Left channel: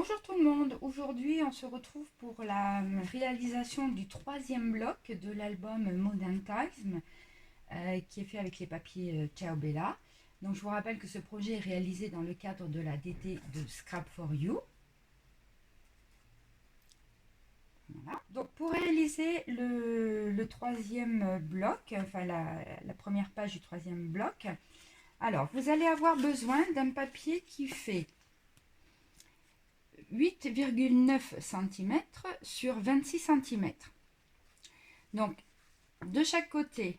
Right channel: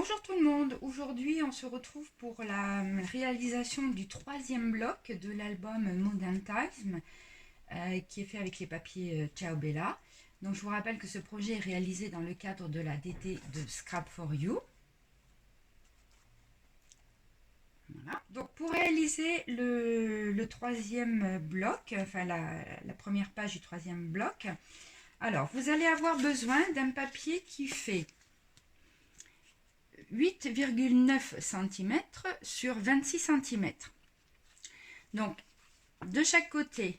Bonjour tout le monde, aujourd'hui on se retrouve pour la réalisation du troisième bloc de l'album Modern Times qui est fait avec les papiers Ciao Bella. Donc je vous rappelle que ce projet est réalisé dans le cadre de la DT de Scrap for You. Voilà. Donc pour réaliser le troisième bloc, enfin la première page du troisième bloc, alors vous allez avoir besoin d'un papier qui fait 8,9 cm sur 26 cm. Donc, de chaque côté,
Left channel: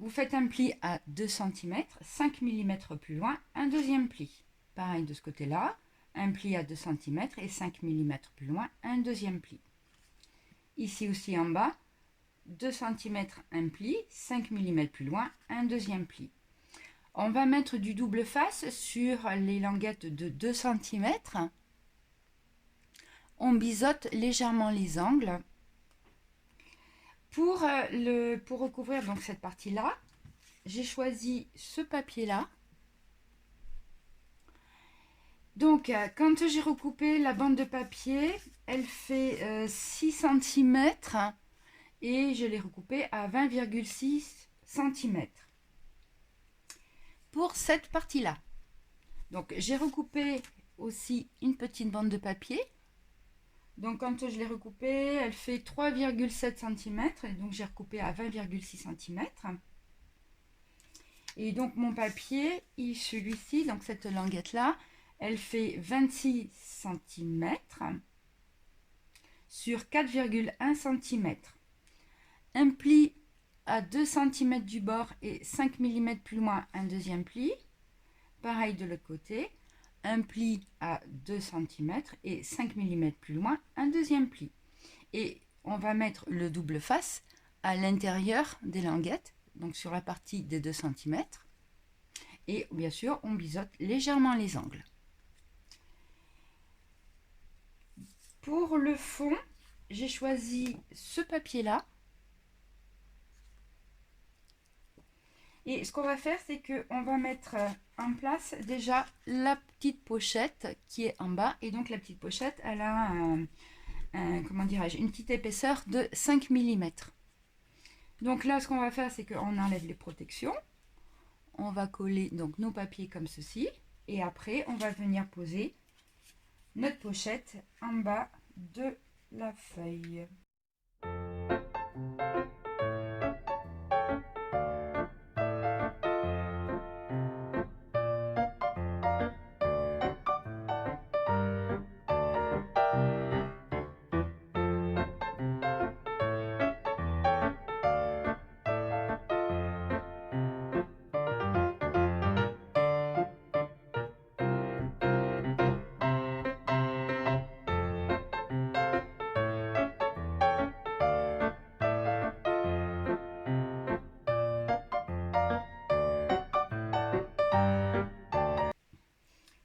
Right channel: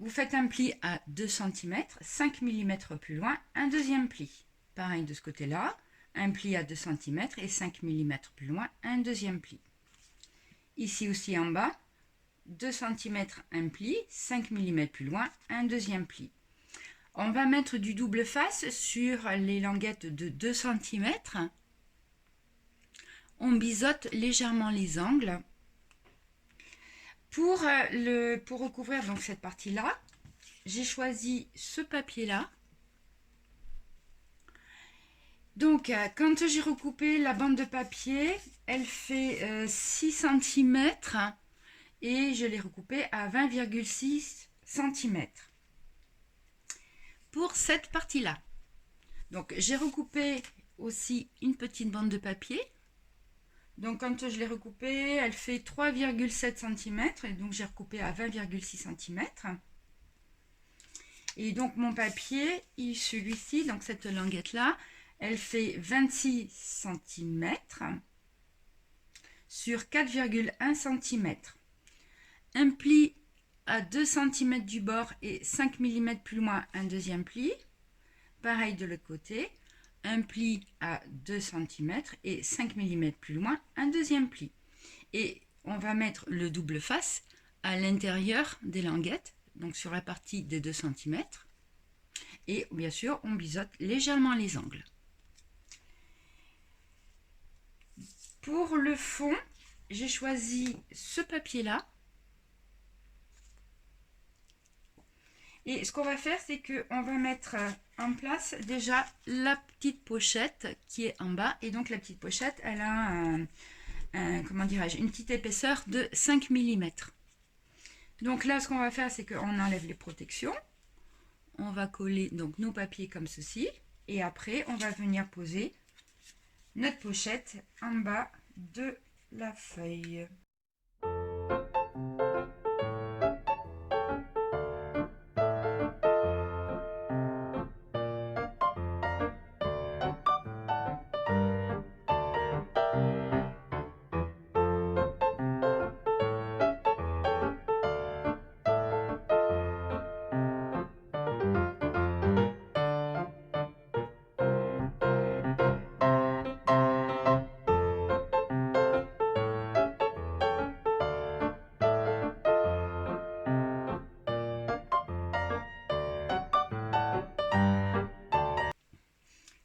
vous faites un pli à 2 cm, 5 mm plus loin, un deuxième pli. Pareil de ce côté-là, un pli à 2 cm et 5 mm plus loin, un deuxième pli. Ici aussi en bas, 2 cm, un pli, 5 mm plus loin, un deuxième pli. On va mettre du double face sur les languettes de 2 cm. On biseaute légèrement les angles. Pour recouvrir donc cette partie-là, j'ai choisi ce papier-là. Donc, quand j'ai recoupé la bande de papier, elle fait 6 cm et je l'ai recoupée à 20,6 cm. Pour cette partie-là, donc j'ai recoupé aussi une petite bande de papier. Donc quand je l'ai recoupée, elle fait 3,7 cm, et donc j'ai recoupé à 20,6 cm. Et donc mon papier, celui-ci, donc cette languette-là, elle fait 26 cm sur 4,1 cm. Un pli à 2 cm du bord et 5 mm plus loin, un deuxième pli. Pareil de l'autre côté. Un pli à 2 cm et 5 mm plus loin, un deuxième pli. Et on va mettre le double face à l'intérieur des languettes, donc sur la partie des 2 cm. Et bien sûr, on biseaute légèrement les angles. Pour le fond, j'ai choisi ce papier-là. Et ce qu'on va faire, c'est qu'on va mettre en place déjà la petite pochette qui est en bas. Et donc la petite pochette, elle a comment dirais-je, une petite épaisseur de 5 mm. Donc là, ce qu'on va faire, c'est qu'on enlève les protections. On va coller donc nos papiers comme ceci. Et après, on va venir poser notre pochette en bas de la feuille.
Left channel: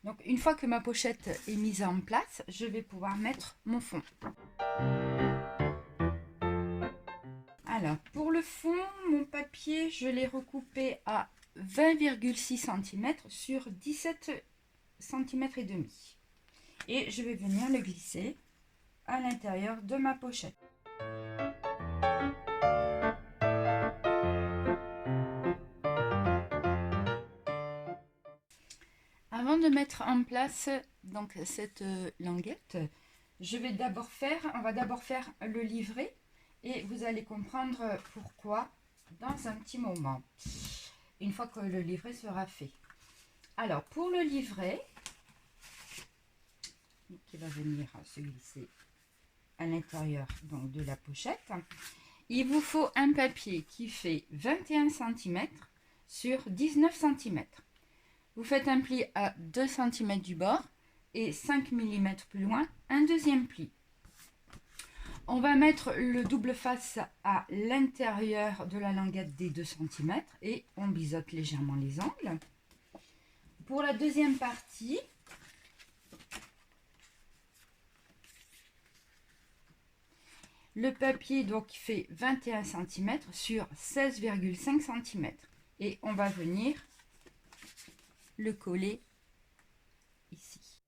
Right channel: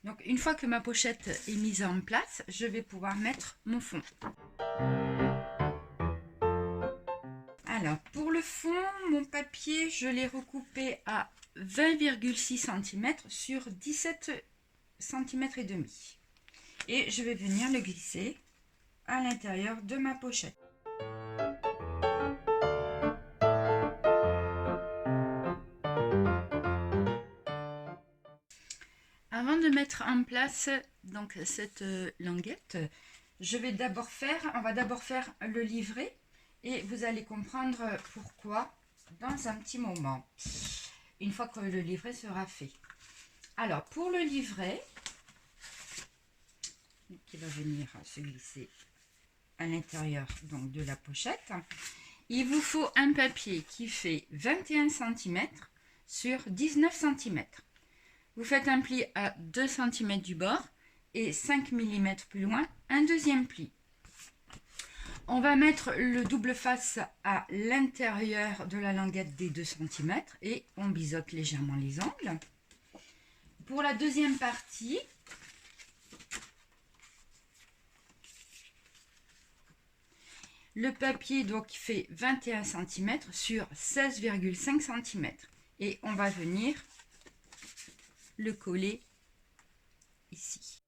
Donc une fois que ma pochette est mise en place, je vais pouvoir mettre mon fond. Alors pour le fond, mon papier, je l'ai recoupé à 20,6 cm sur 17 cm et demi. Et je vais venir le glisser à l'intérieur de ma pochette. Avant de mettre en place donc cette languette, on va d'abord faire le livret et vous allez comprendre pourquoi dans un petit moment, une fois que le livret sera fait. Alors pour le livret, qui va venir se glisser à l'intérieur donc de la pochette, il vous faut un papier qui fait 21 cm sur 19 cm. Vous faites un pli à 2 cm du bord et 5 mm plus loin, un deuxième pli. On va mettre le double face à l'intérieur de la languette des 2 cm et on biseaute légèrement les angles. Pour la deuxième partie, le papier donc fait 21 cm sur 16,5 cm et on va venir le coller ici.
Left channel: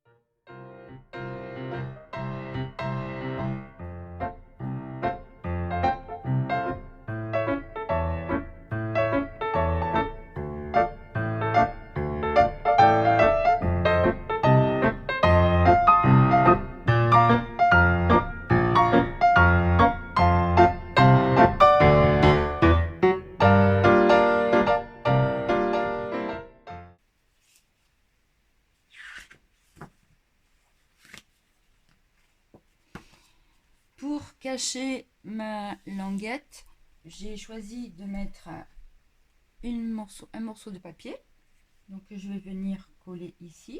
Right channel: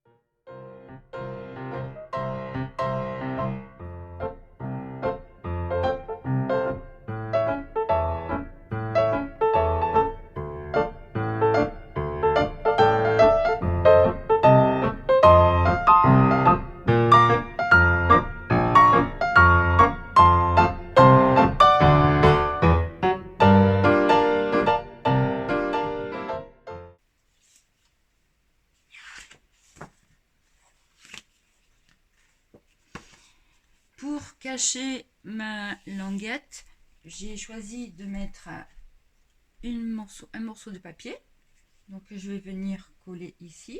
attacher ma languette, j'ai choisi de mettre un morceau de papier. Donc je vais venir coller ici.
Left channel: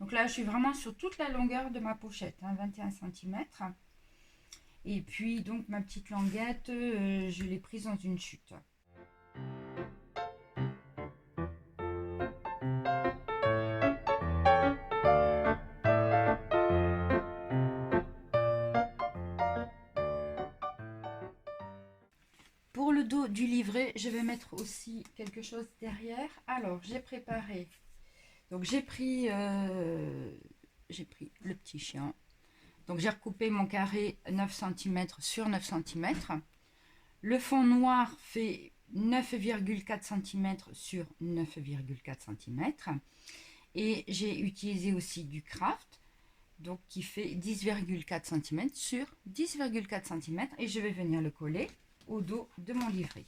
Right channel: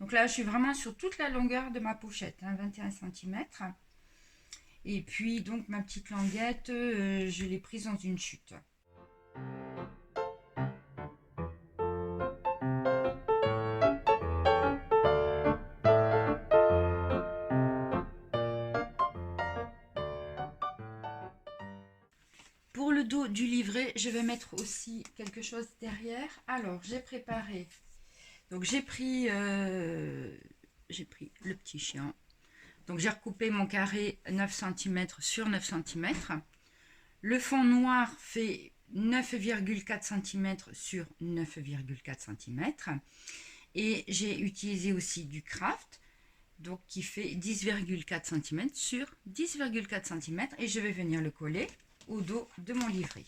Donc là, je suis vraiment sur toute la longueur de ma pochette, 21 cm. Et puis donc ma petite languette, je l'ai prise dans une chute. Pour le dos du livret, je vais mettre aussi quelque chose derrière. Alors, j'ai préparé. Donc, j'ai pris le petit chien. Donc, j'ai recoupé mon carré 9 cm sur 9 cm. Le fond noir fait 9,4 cm sur 9,4 cm. Et j'ai utilisé aussi du craft, donc qui fait 10,4 cm sur 10,4 cm. Et je vais venir le coller au dos de mon livret.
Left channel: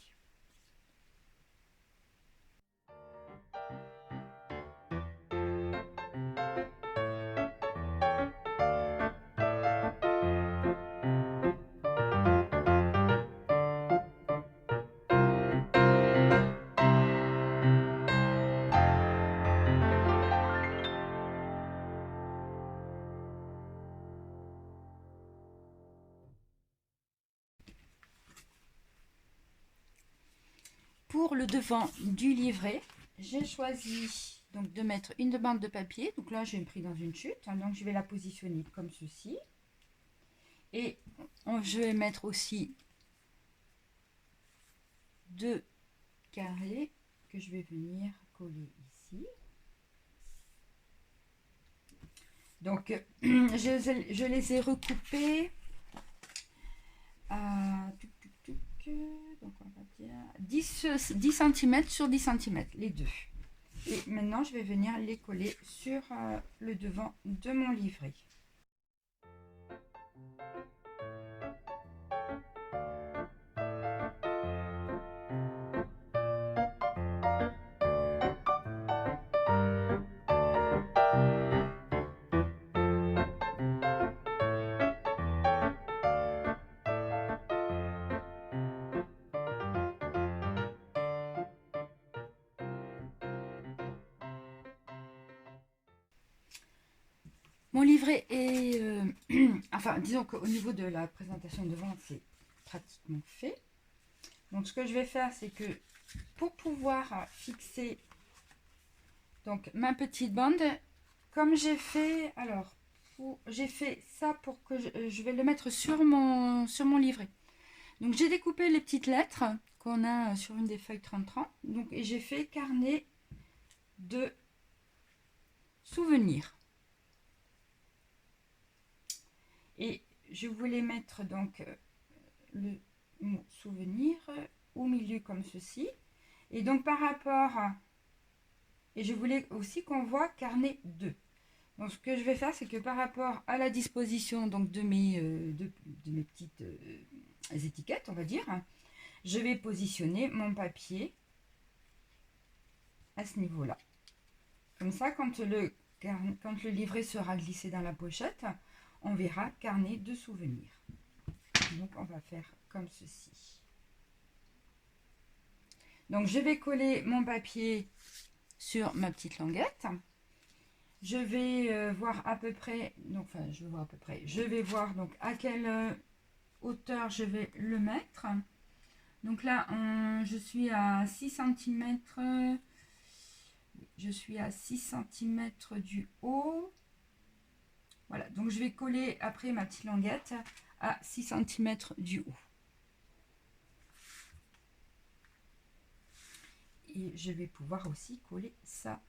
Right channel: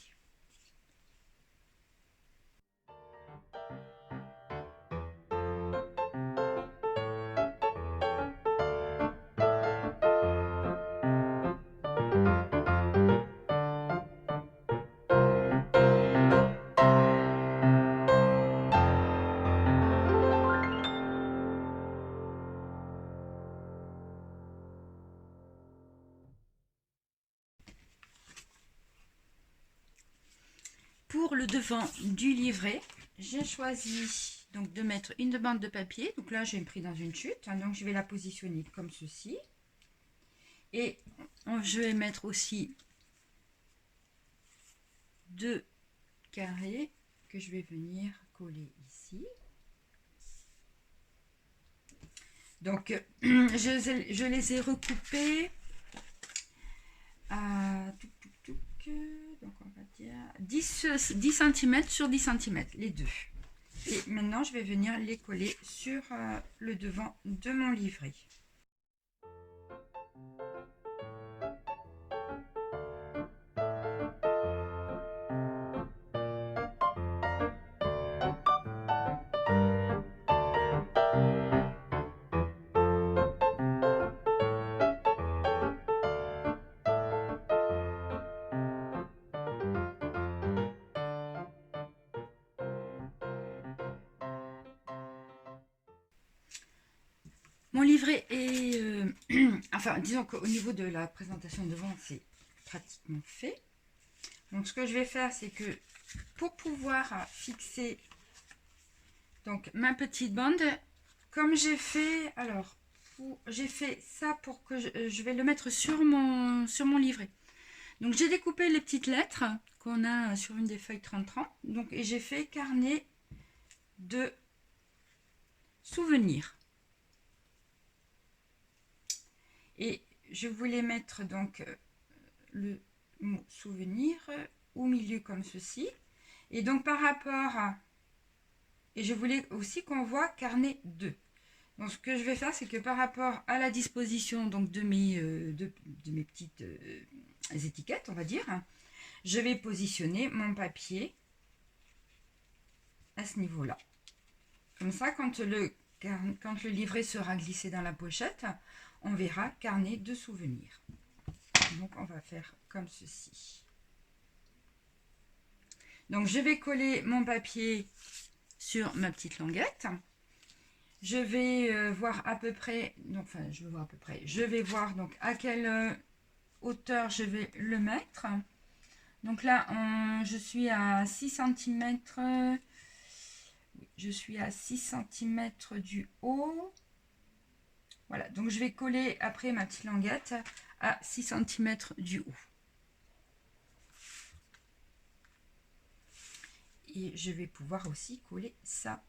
Pour le devant du livret, j'ai choisi donc de mettre une bande de papier. Donc là, j'ai pris dans une chute. Donc je vais la positionner comme ceci. Et je vais mettre aussi 2 carrés que je vais venir coller ici. Donc je les ai recoupés à donc on va dire 10 cm sur 10 cm, les deux. Et maintenant, je vais venir les coller sur le devant de mon livret. Mon livret est... enfin, disons qu'au niveau de la présentation de vente, c'est pratiquement fait. Donc, ce que je vais faire, c'est que pour pouvoir fixer donc ma petite bande, comme j'ai fait... Alors, j'ai fait ça pour que je vais le mettre sur mon livret. Donc, j'ai découpé les petites lettres qu'on a sur une des feuilles 30-30. Donc, et j'ai fait carnet de souvenirs. Et je voulais mettre donc le mot souvenir au milieu comme ceci. Et donc par rapport à... Et je voulais aussi qu'on voit carnet 2. Donc ce que je vais faire, c'est que par rapport à la disposition donc, de mes petites étiquettes, on va dire, je vais positionner mon papier à ce niveau-là. Comme ça, quand le livret sera glissé dans la pochette, on verra carnet de souvenirs. Donc on va faire comme ceci. Donc je vais coller mon papier sur ma petite languette. Je vais voir à peu près, donc, enfin je vais voir donc à quelle hauteur je vais le mettre. Donc là je suis à 6 cm, je suis à 6 cm du haut. Voilà, donc je vais coller après ma petite languette à 6 cm du haut. Et je vais pouvoir aussi coller ça.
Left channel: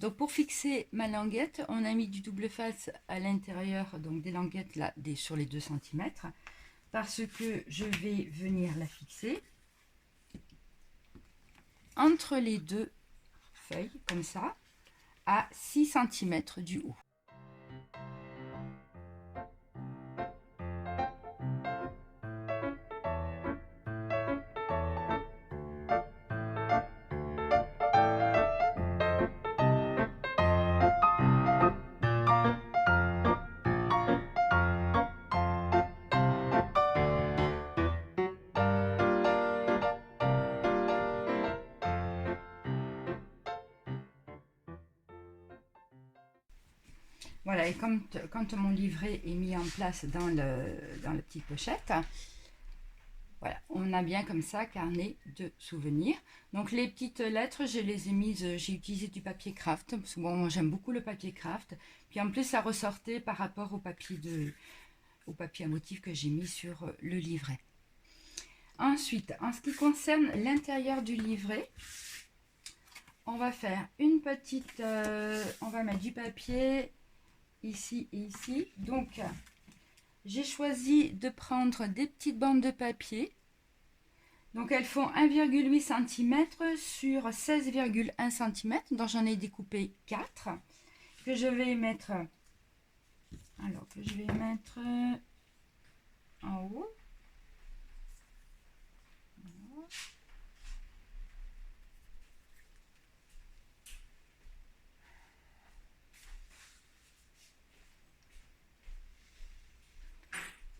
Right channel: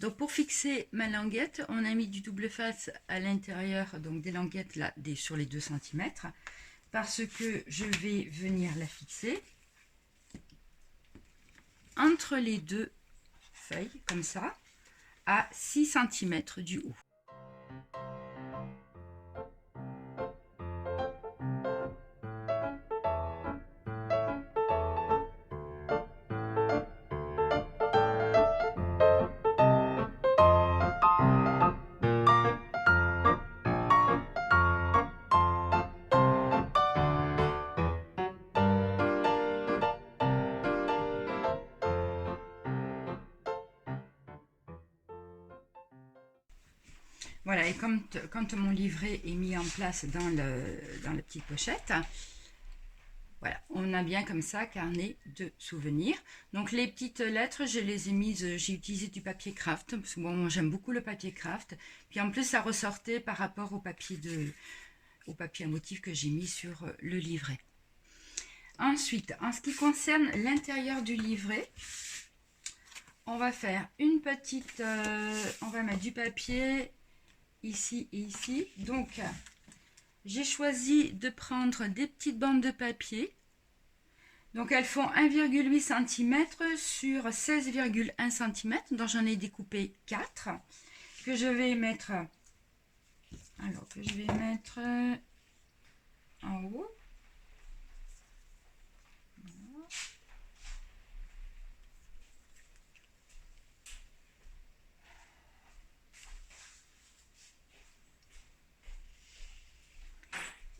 Donc pour fixer ma languette, on a mis du double face à l'intérieur donc des languettes là sur les 2 cm parce que je vais venir la fixer entre les deux feuilles, comme ça, à 6 cm du haut. Voilà, et quand mon livret est mis en place dans la petite pochette, voilà, on a bien comme ça carnet de souvenirs. Donc les petites lettres, je les ai mises, j'ai utilisé du papier craft, parce que bon, j'aime beaucoup le papier craft. Puis en plus, ça ressortait par rapport au papier à motif que j'ai mis sur le livret. Ensuite, en ce qui concerne l'intérieur du livret, on va faire une petite, on va mettre du papier ici et ici. Donc j'ai choisi de prendre des petites bandes de papier, donc elles font 1,8 cm sur 16,1 cm, donc j'en ai découpé 4 que je vais mettre en haut. Voilà.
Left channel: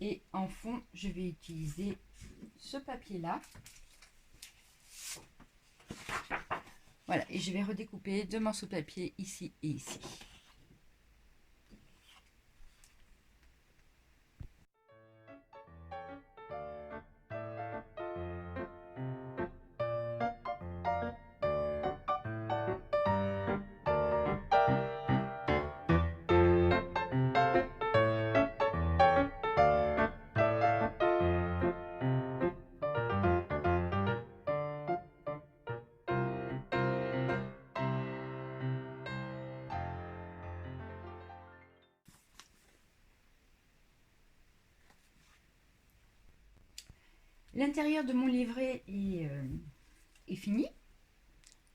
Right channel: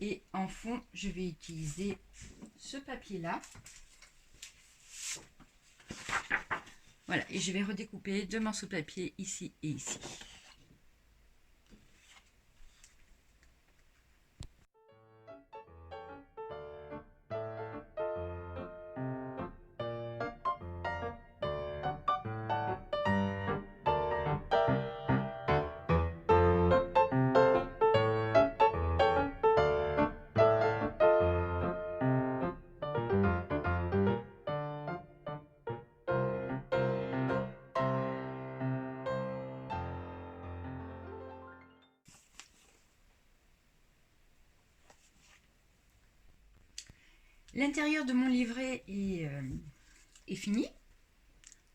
Et en fond, je vais utiliser ce papier-là. Voilà, et je vais redécouper 2 morceaux de papier ici et ici. L'intérieur de mon livret est fini.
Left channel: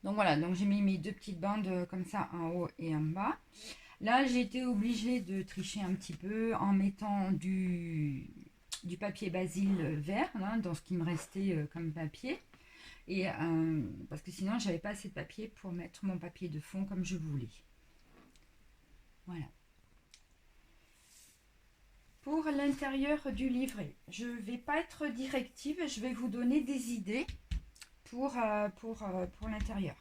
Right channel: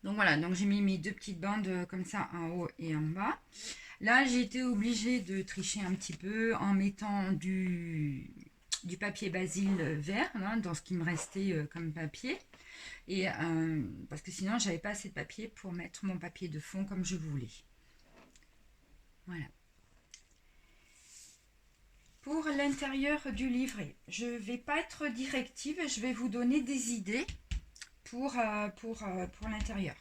Donc voilà, donc j'ai mis mes 2 petites bandes comme ça en haut et en bas. Là, j'ai été obligée de tricher un petit peu en mettant du papier basil vert hein, dans ce qui me restait comme papier. Et parce que sinon, j'avais pas assez de papier pour mettre mon papier de fond comme je voulais. Voilà. Pour l'intérieur du livret, je ne vais pas être directive, je vais vous donner des idées pour l'intérieur.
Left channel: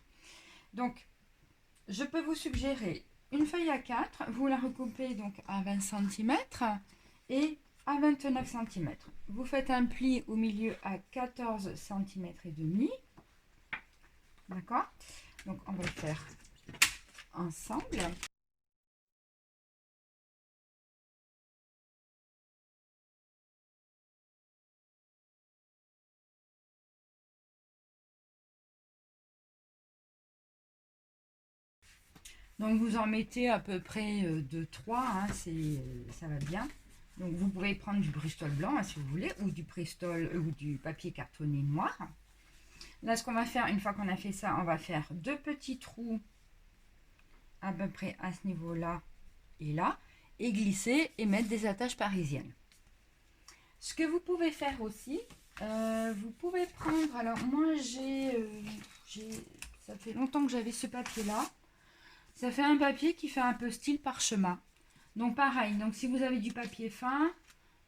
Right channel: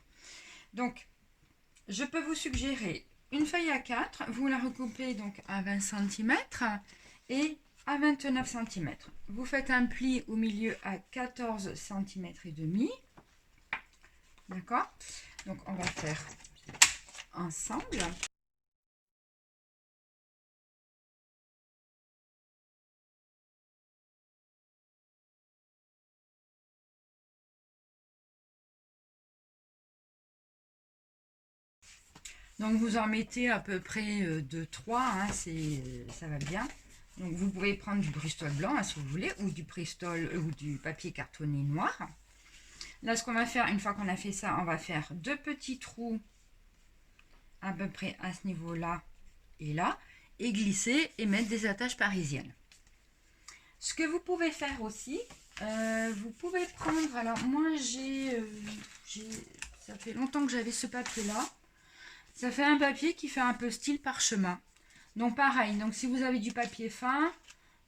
Donc, je peux vous suggérer une feuille A4, vous la recoupez donc à 20 cm et à 29 cm. Vous faites un pli au milieu à 14 cm et demi. D'accord? Donc, on va faire ensemble. Donc vous en mettez à peu près de 3, hein, ça va bien. Donc vous pouvez prendre du Bristol blanc hein, si vous voulez, ou du Bristol ou du papier cartonné noir. Là ce qu'on va faire, une fois qu'on a fait ça, on va faire 2 petits trous à peu près à ce niveau-là et là, et glisser et mettre des attaches parisiennes. Ce que vous pouvez faire aussi, vous pouvez prendre, alors moi ça fait longtemps que j'avais ce papier-là. Ça fait un papier qui fait un peu style parchemin. Donc pareil, donc si vous avez du papier fin,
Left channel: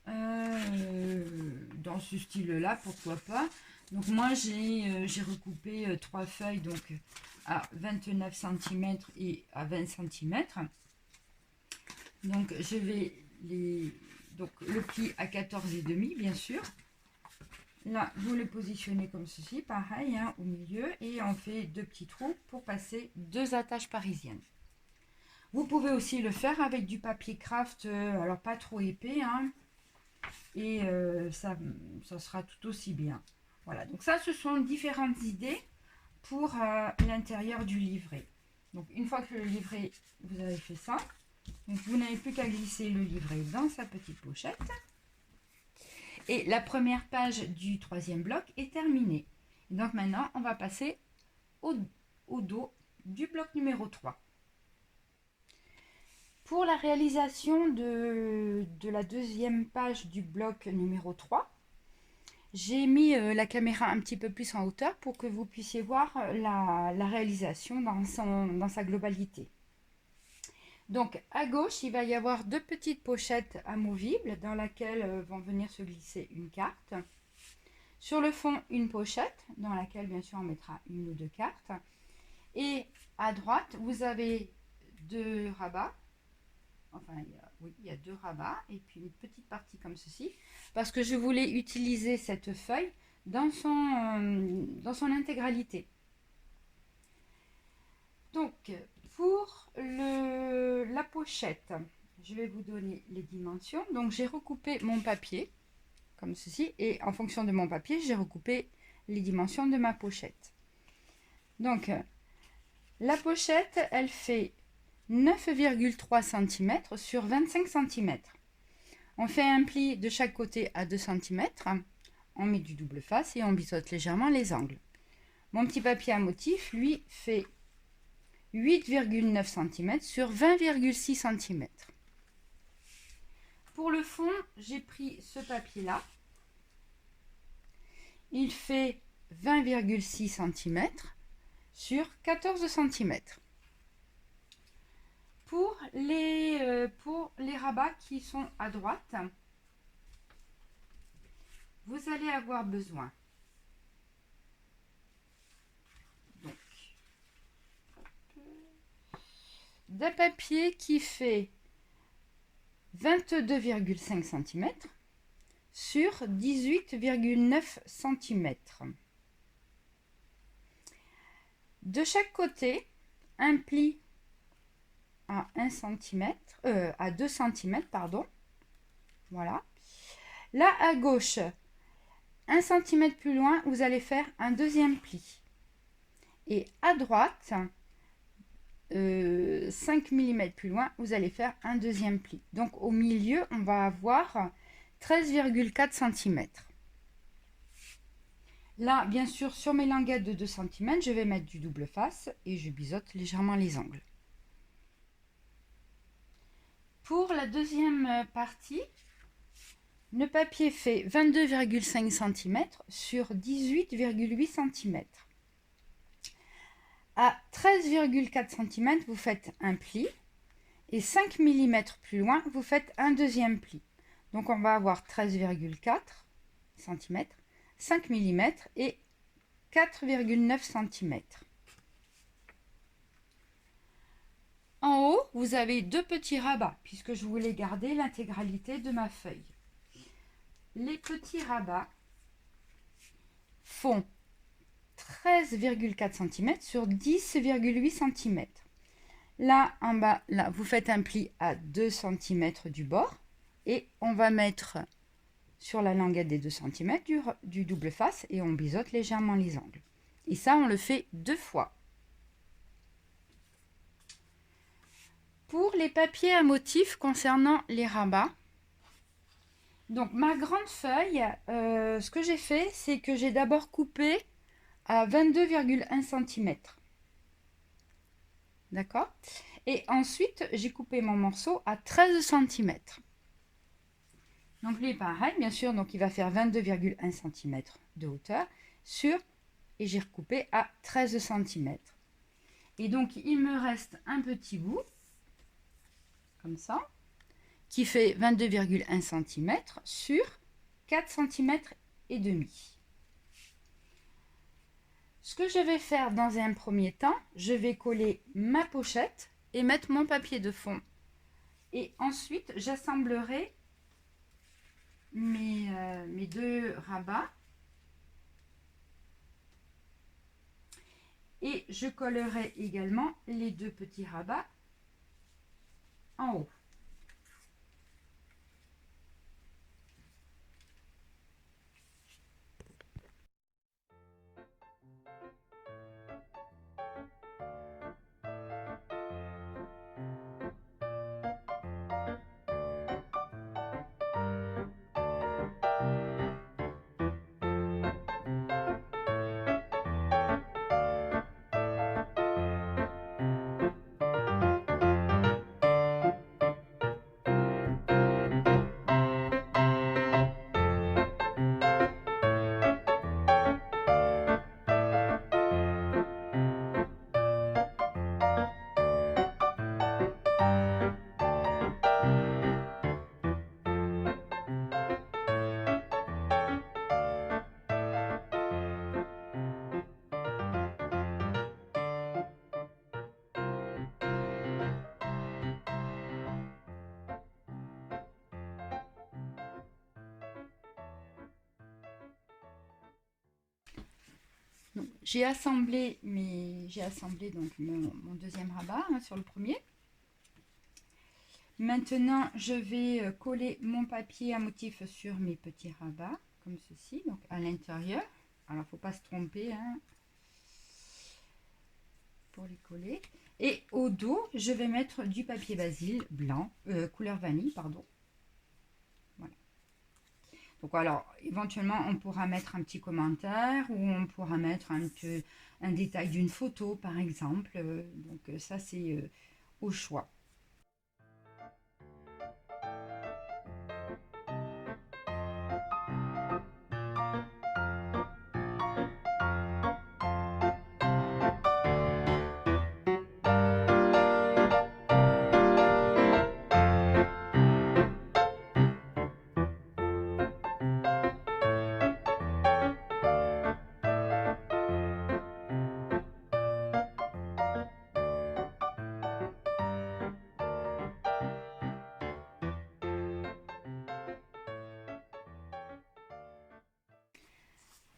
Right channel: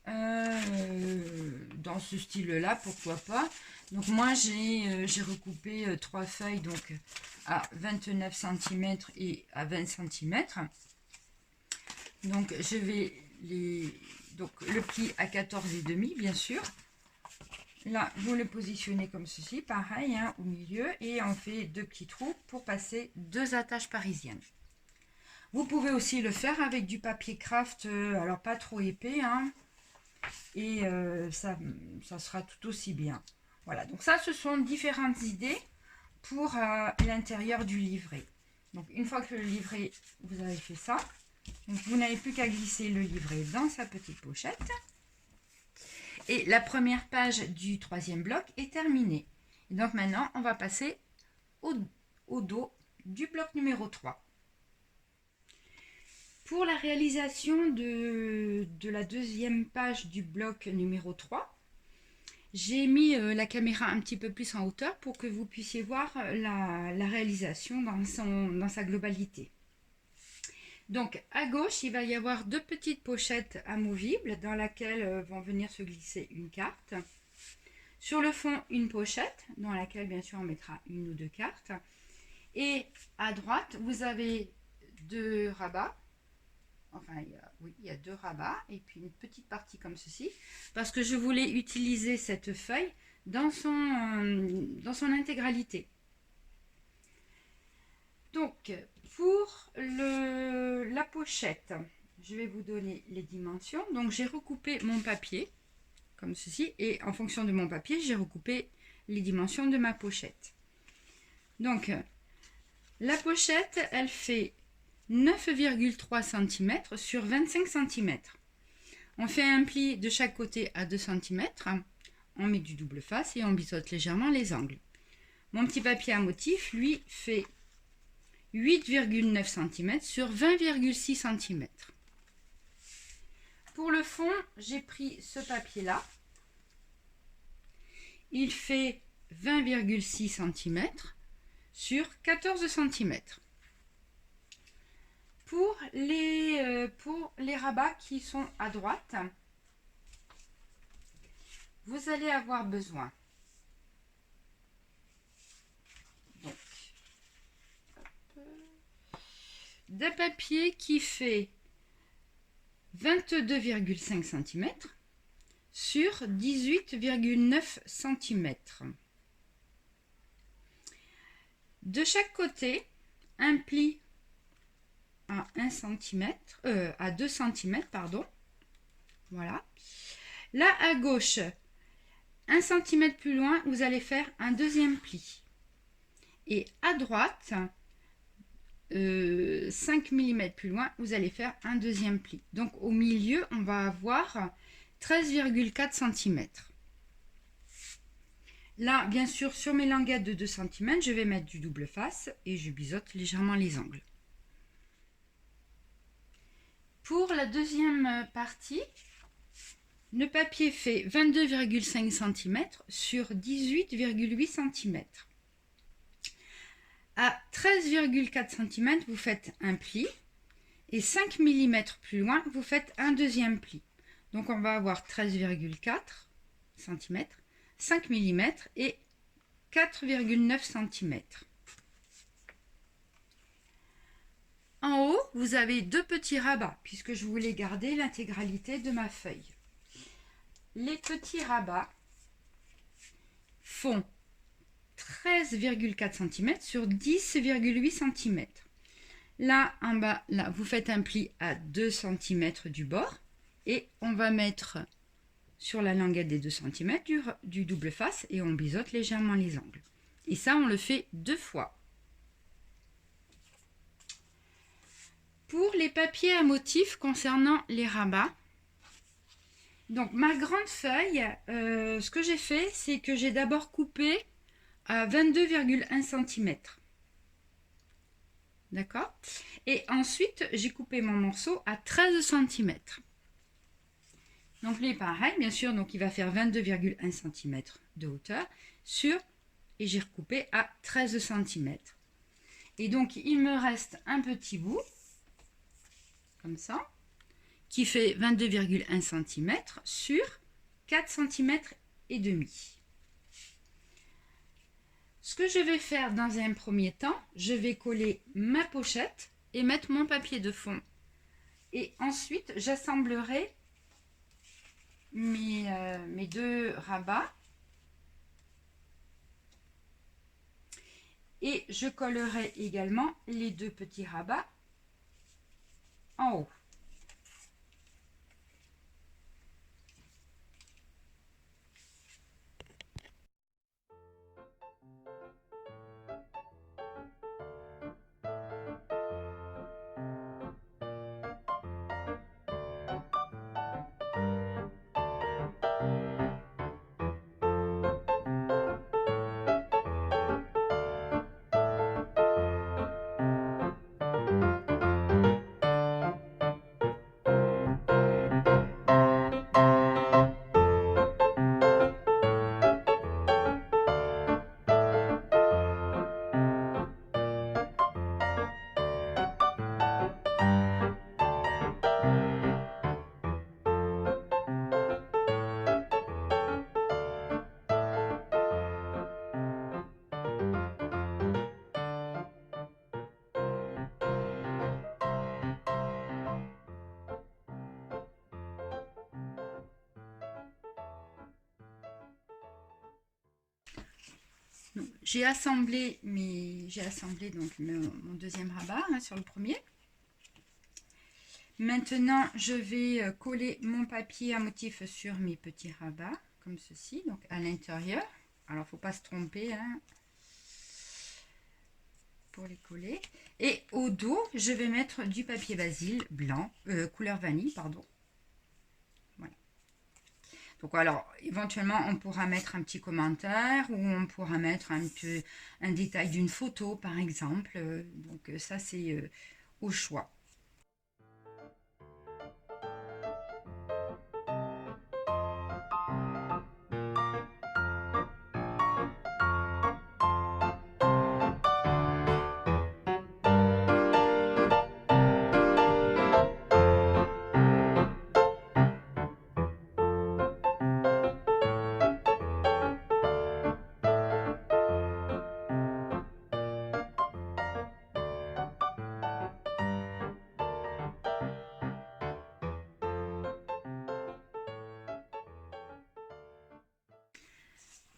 dans ce style-là, pourquoi pas. Donc moi j'ai recoupé 3 feuilles donc à 29 cm et à 20 cm. Donc je vais donc le pli à 14,5 bien sûr. Là, vous le positionnez comme ceci, pareil, hein, au milieu, et on fait 2 petits trous pour passer 2 attaches parisiennes. Vous pouvez aussi le faire avec du papier craft, alors pas trop épais, hein, et ça sera tout aussi bien. Voilà, donc ça, ce sont différentes idées pour l'intérieur du livret. Donc, une fois que le livret, vous avez fait ça, donc vous n'avez plus qu'à glisser le livret dans sa petite pochette. Et la première page du 3e bloc est terminée. Et donc maintenant, on va passer au dos du bloc numéro 3. Pour la réalisation de la deuxième page du bloc numéro 3, j'ai mis la caméra un petit peu plus en hauteur pour que vous puissiez voir la réalisation dans sa globalité. Donc à gauche, il va y avoir deux petites pochettes amovibles dans laquelle vont venir se glisser une carte. Sur le fond, une pochette dans laquelle bien sûr on mettra une ou deux cartes. Et à droite, vous avez deux rabats. Enfin, il y a deux rabats et puis une petite partie comme ceci. Parce que je voulais utiliser cette feuille dans son intégralité. Donc, pour la pochette, je vais vous donner les dimensions. Donc, j'ai recoupé mon papier comme ceci et en fonction de mon papier, j'ai recoupé les dimensions de ma pochette. Donc, la pochette, elle fait 9,3 cm sur 25 cm. On fait un pli de chaque côté à 2 cm. On met du double face et on biseaute légèrement les angles. Mon petit papier à motif, lui, fait 8,9 cm sur 20,6 cm. Pour le fond, j'ai pris ce papier-là. Il fait 20,6 cm sur 14 cm. Pour les rabats qui sont à droite, vous allez avoir besoin d'un papier qui fait 22,5 cm sur 18,9 cm. De chaque côté, un pli à 1 cm, à 2 cm, pardon. Voilà. Là, à gauche, 1 cm plus loin, vous allez faire un deuxième pli. Et à droite, 5 mm plus loin, vous allez faire un deuxième pli. Donc, au milieu, on va avoir 13,4 cm. Là, bien sûr, sur mes languettes de 2 cm, je vais mettre du double face et je biseaute légèrement les angles. Pour la deuxième partie, le papier fait 22,5 cm sur 18,8 cm. À 13,4 cm, vous faites un pli et 5 mm plus loin, vous faites un deuxième pli. Donc, on va avoir 13,4 cm, 5 mm et 4,9 cm. En haut, vous avez deux petits rabats, puisque je voulais garder l'intégralité de ma feuille. Les petits rabats font 13,4 cm sur 10,8 cm. Là, en bas, là, vous faites un pli à 2 cm du bord et on va mettre sur la languette des 2 cm du double face et on biseaute légèrement les angles. Et ça, on le fait 2 fois. Pour les papiers à motifs concernant les rabats, donc ma grande feuille, ce que j'ai fait, c'est que j'ai d'abord coupé à 22,1 cm. D'accord? Et ensuite, j'ai coupé mon morceau à 13 cm. Donc lui, pareil, bien sûr, donc il va faire 22,1 cm de hauteur sur, et j'ai recoupé à 13 cm. Et donc, il me reste un petit bout, comme ça, qui fait 22,1 cm sur 4 cm et demi. Ce que je vais faire dans un premier temps, je vais coller ma pochette et mettre mon papier de fond. Et ensuite, j'assemblerai mes deux rabats. Et je collerai également les deux petits rabats en haut. j'ai assemblé donc mon deuxième rabat hein, sur le premier. Maintenant, je vais coller mon papier à motif sur mes petits rabats, comme ceci, donc à l'intérieur. Alors, il ne faut pas se tromper hein, pour les coller. Et au dos, je vais mettre du papier basil blanc, couleur vanille, pardon. Voilà. Donc, alors, éventuellement, on pourra mettre un petit commentaire ou on pourra mettre un détail d'une photo, par exemple. Donc, ça, c'est au choix.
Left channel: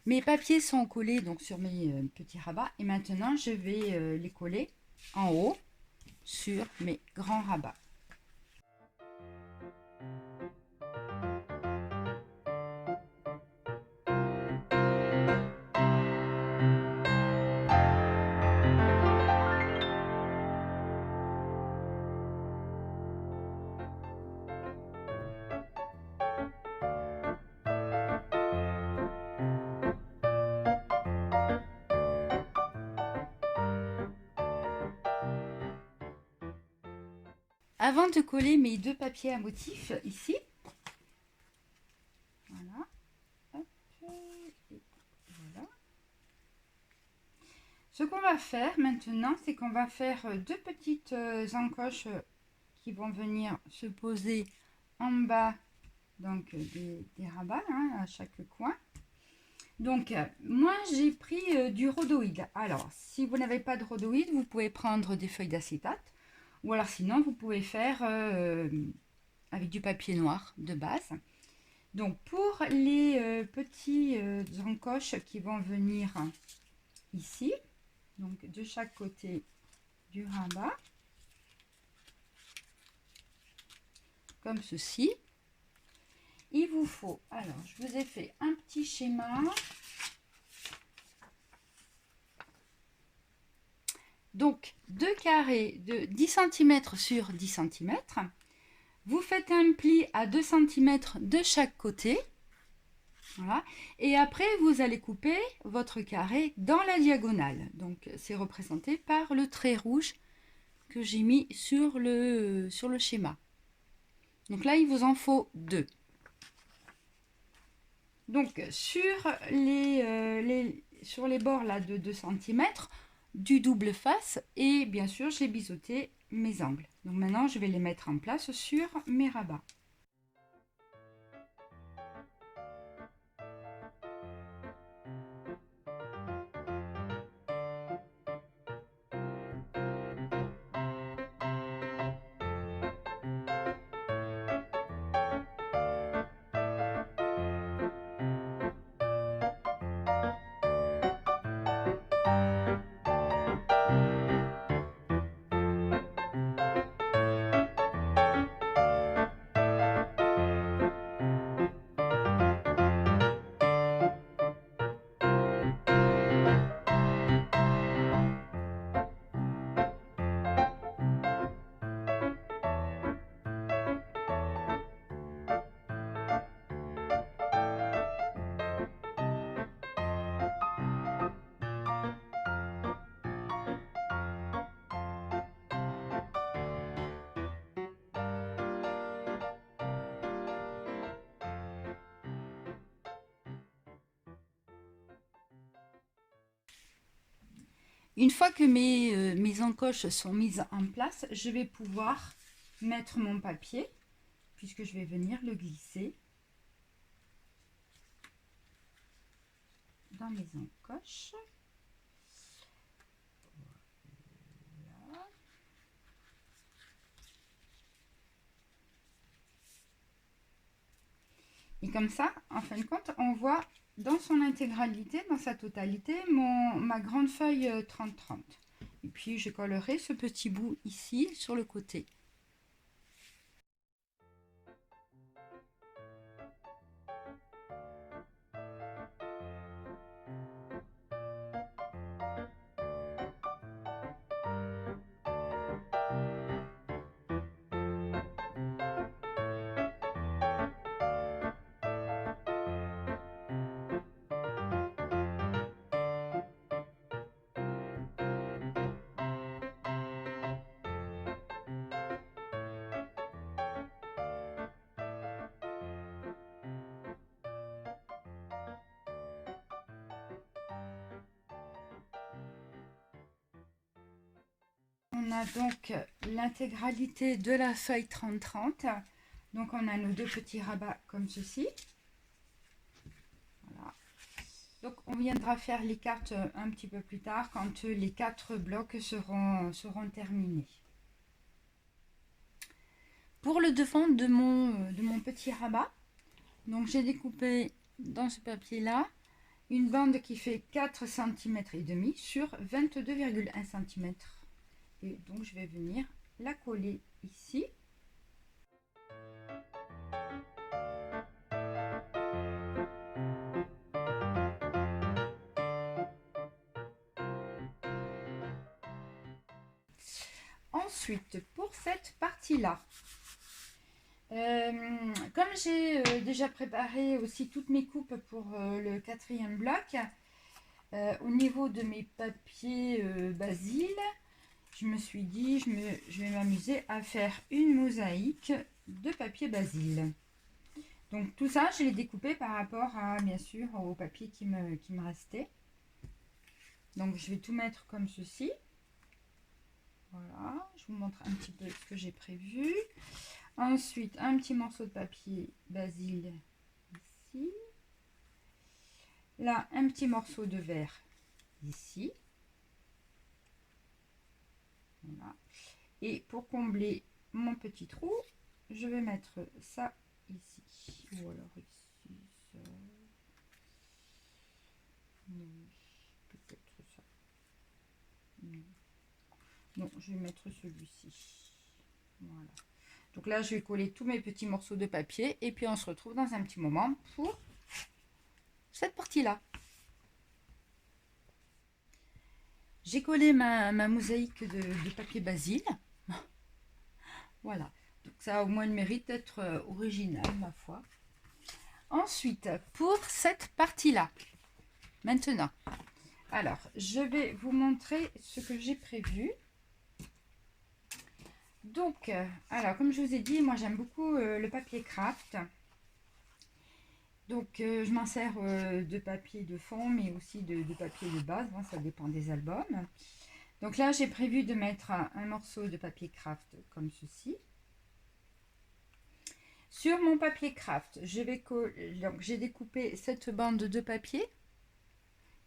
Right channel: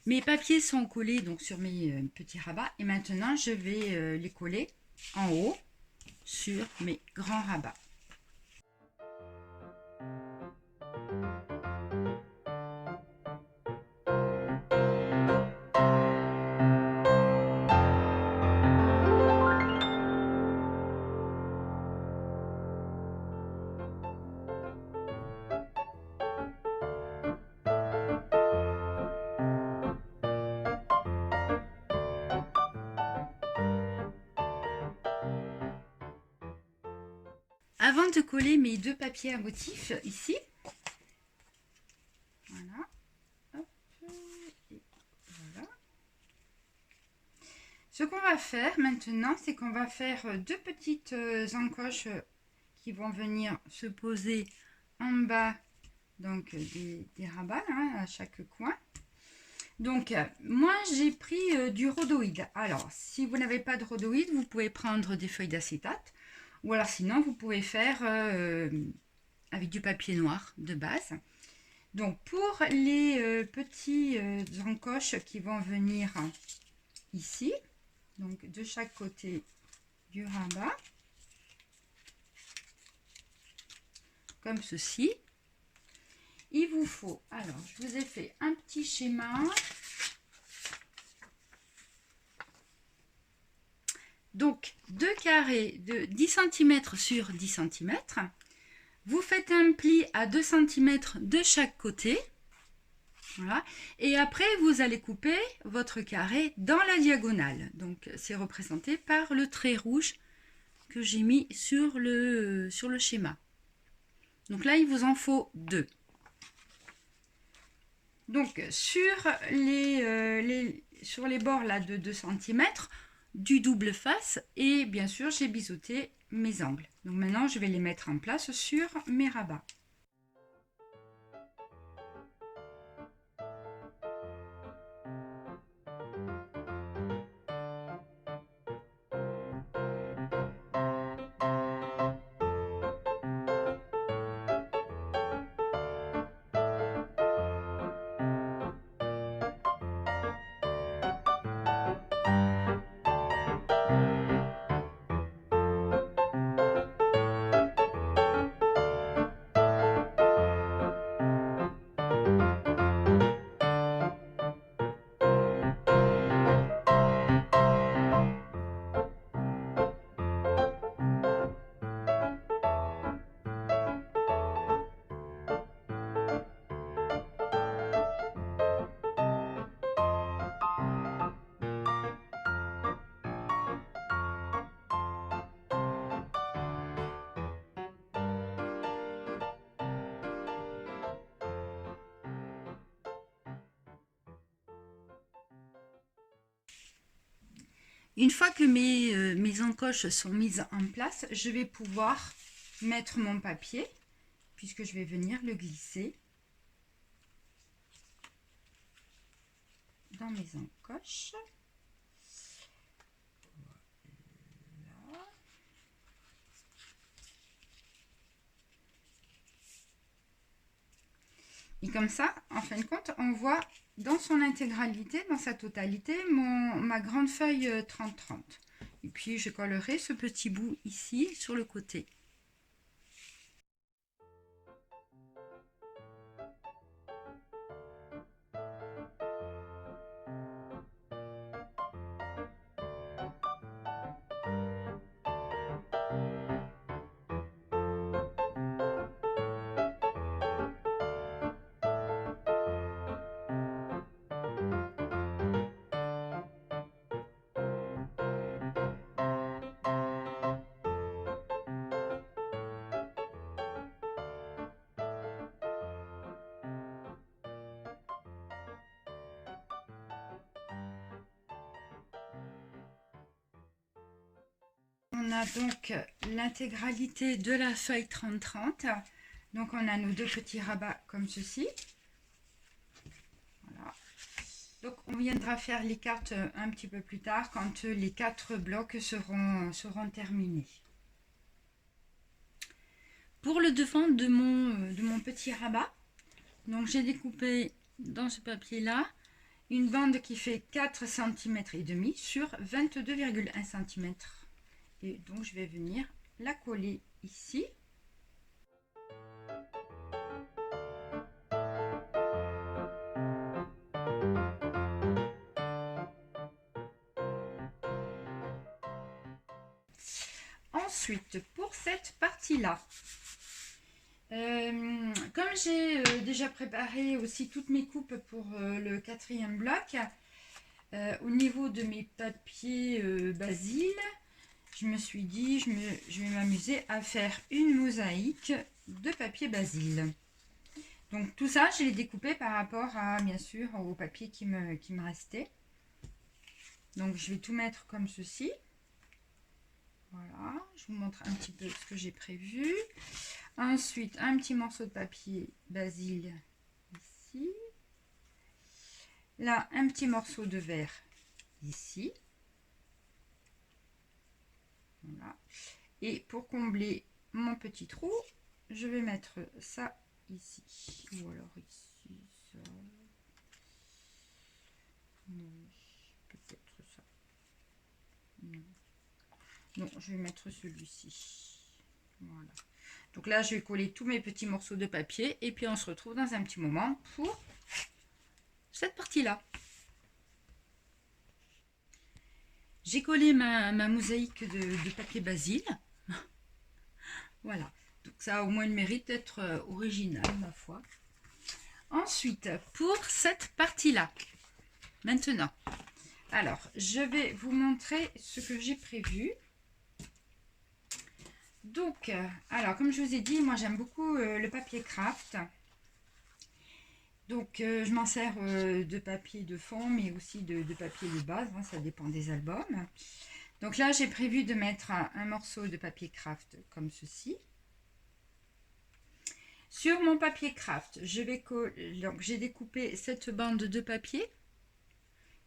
Mes papiers sont collés donc sur mes petits rabats et maintenant je vais les coller en haut sur mes grands rabats. Avant de coller mes deux papiers à motif ici, voilà, hop, et voilà. Ce qu'on va faire maintenant, c'est qu'on va faire deux petites encoches qui vont venir se poser en bas donc des rabats hein, à chaque coin. Donc moi j'ai pris du rhodoïde. Alors si vous n'avez pas de rhodoïde, vous pouvez prendre des feuilles d'acétate ou alors sinon vous pouvez faire avec du papier noir de base. Donc pour les petits encoches qui vont venir ici, donc de chaque côté du rabat, comme ceci, il vous faut, alors je vous ai fait un petit schéma. Donc 2 carrés de 10 cm sur 10 cm. Vous faites un pli à 2 cm de chaque côté. Voilà. Et après, vous allez couper votre carré dans la diagonale. Donc, c'est représenté par le trait rouge que j'ai mis sur le schéma. Donc là, il vous en faut 2. Donc, sur les bords là, de 2 cm, du double face et bien sûr, j'ai biseauté mes angles. Donc maintenant, je vais les mettre en place sur mes rabats. Une fois que mes encoches sont mises en place, je vais pouvoir mettre mon papier, puisque je vais venir le glisser dans mes encoches. Voilà. Et comme ça, en fin de compte, on voit dans son intégralité, dans sa totalité, ma grande feuille 30-30. Et puis je collerai ce petit bout ici sur le côté. On a donc l'intégralité de la feuille 30-30. Donc on a nos deux petits rabats comme ceci. Voilà. Donc on viendra faire les cartes un petit peu plus tard quand les 4 blocs seront terminés. Pour le devant de mon petit rabat, donc j'ai découpé dans ce papier là une bande qui fait 4 cm et demi sur 22,1 cm. Et donc je vais venir la coller ici. Ensuite, pour cette partie-là, comme j'ai déjà préparé aussi toutes mes coupes pour le 4e bloc, au niveau de mes papiers Basile, je me suis dit, je vais m'amuser à faire une mosaïque de papier Basile. Donc tout ça, je l'ai découpé par rapport à, bien sûr, au papier qui me restait. Donc je vais tout mettre comme ceci. Voilà, je vous montre un petit peu ce que j'ai prévu. Ensuite, un petit morceau de papier Basile ici. Là, un petit morceau de verre ici. Voilà. Et pour combler mon petit trou, je vais mettre ça ici. Ou alors ici, ça. Peut-être ça. Non. Non, je vais mettre celui-ci. Voilà. Donc là, je vais coller tous mes petits morceaux de papier. Et puis, on se retrouve dans un petit moment pour cette partie-là. J'ai collé ma mosaïque de papier Basile. Voilà. Donc ça a au moins le mérite d'être original, ma foi. Ensuite, pour cette partie-là, maintenant, alors, je vais vous montrer ce que j'ai prévu. Donc, alors, comme je vous ai dit, moi j'aime beaucoup le papier craft. Donc, je m'en sers de papier de fond, mais aussi de papier de base, hein, ça dépend des albums. Donc là, j'ai prévu de mettre un morceau de papier craft comme ceci. Sur mon papier craft, donc j'ai découpé cette bande de papier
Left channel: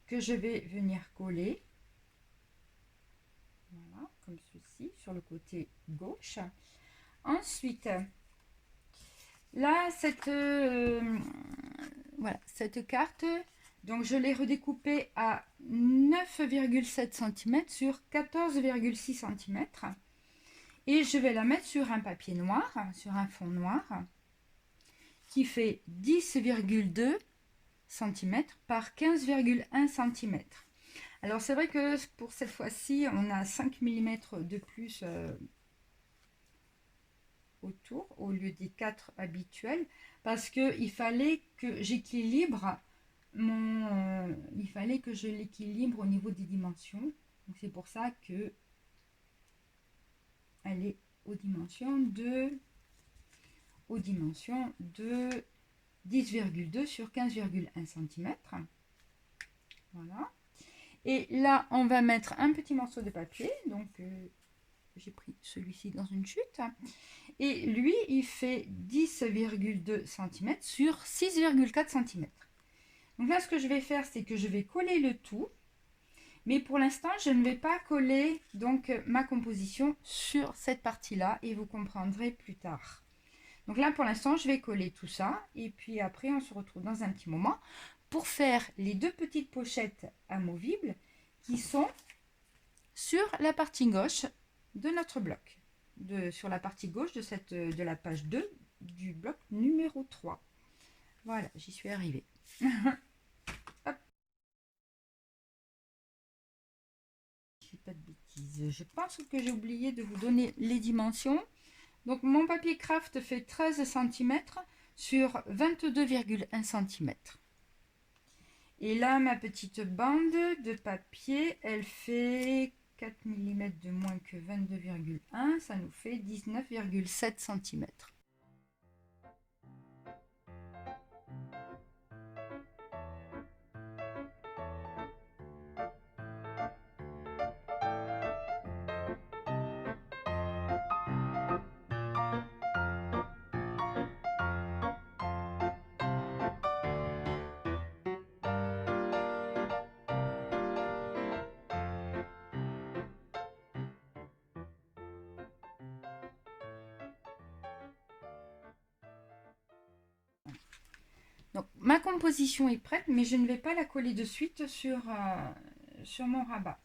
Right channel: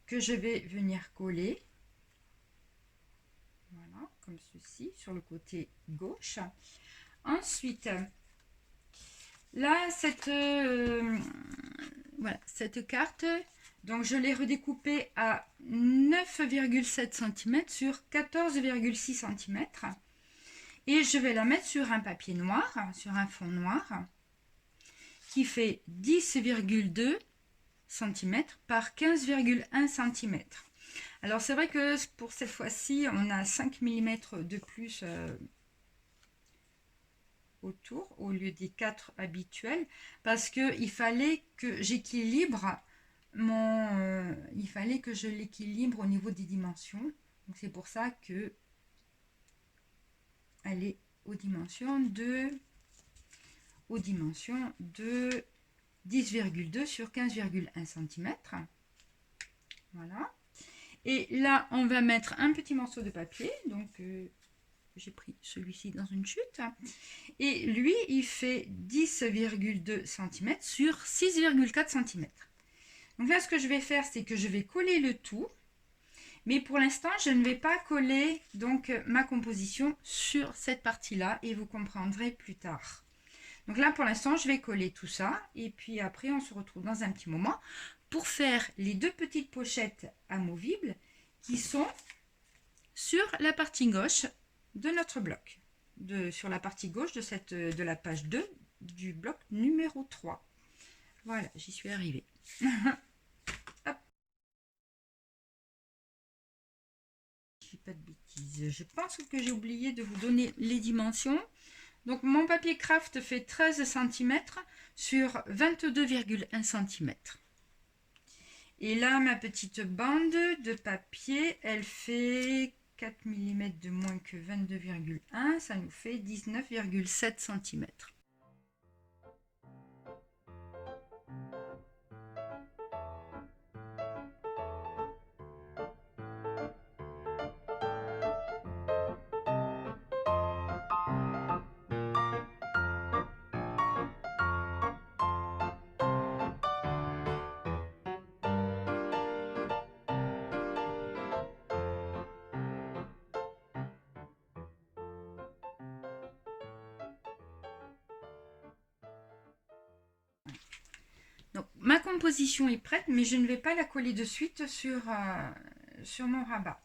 que je vais venir coller. Voilà, comme ceci, sur le côté gauche. Ensuite, là, voilà, cette carte, donc je l'ai redécoupée à 9,7 cm sur 14,6 cm. Et je vais la mettre sur un papier noir, sur un fond noir, qui fait 10,2 cm par 15,1 cm. Alors c'est vrai que pour cette fois-ci, on a 5 mm de plus autour, au lieu des 4 habituels, parce qu'il fallait que j'équilibre il fallait que je l'équilibre au niveau des dimensions. Donc c'est pour ça que elle est aux dimensions de 10,2 sur 15,1 cm. Voilà. Et là, on va mettre un petit morceau de papier. Donc, j'ai pris celui-ci dans une chute. Et lui, il fait 10,2 cm sur 6,4 cm. Donc là, ce que je vais faire, c'est que je vais coller le tout. Mais pour l'instant, je ne vais pas coller donc ma composition sur cette partie-là. Et vous comprendrez plus tard. Donc là, pour l'instant, je vais coller tout ça. Et puis après, on se retrouve dans un petit moment pour faire les deux petites pochettes amovibles qui sont sur la partie gauche de notre bloc, sur la partie gauche de la page 2 du bloc numéro 3. Voilà, j'y suis arrivée. Hop. Je dis pas de bêtises. Je pense que j'ai oublié de vous donner les dimensions. Donc mon papier craft fait 13 cm sur 22,1 cm. Et là, ma petite bande de papier, elle fait 4 mm de moins que 22,1, ça nous fait 19,7 cm. Donc, ma composition est prête, mais je ne vais pas la coller de suite sur mon rabat.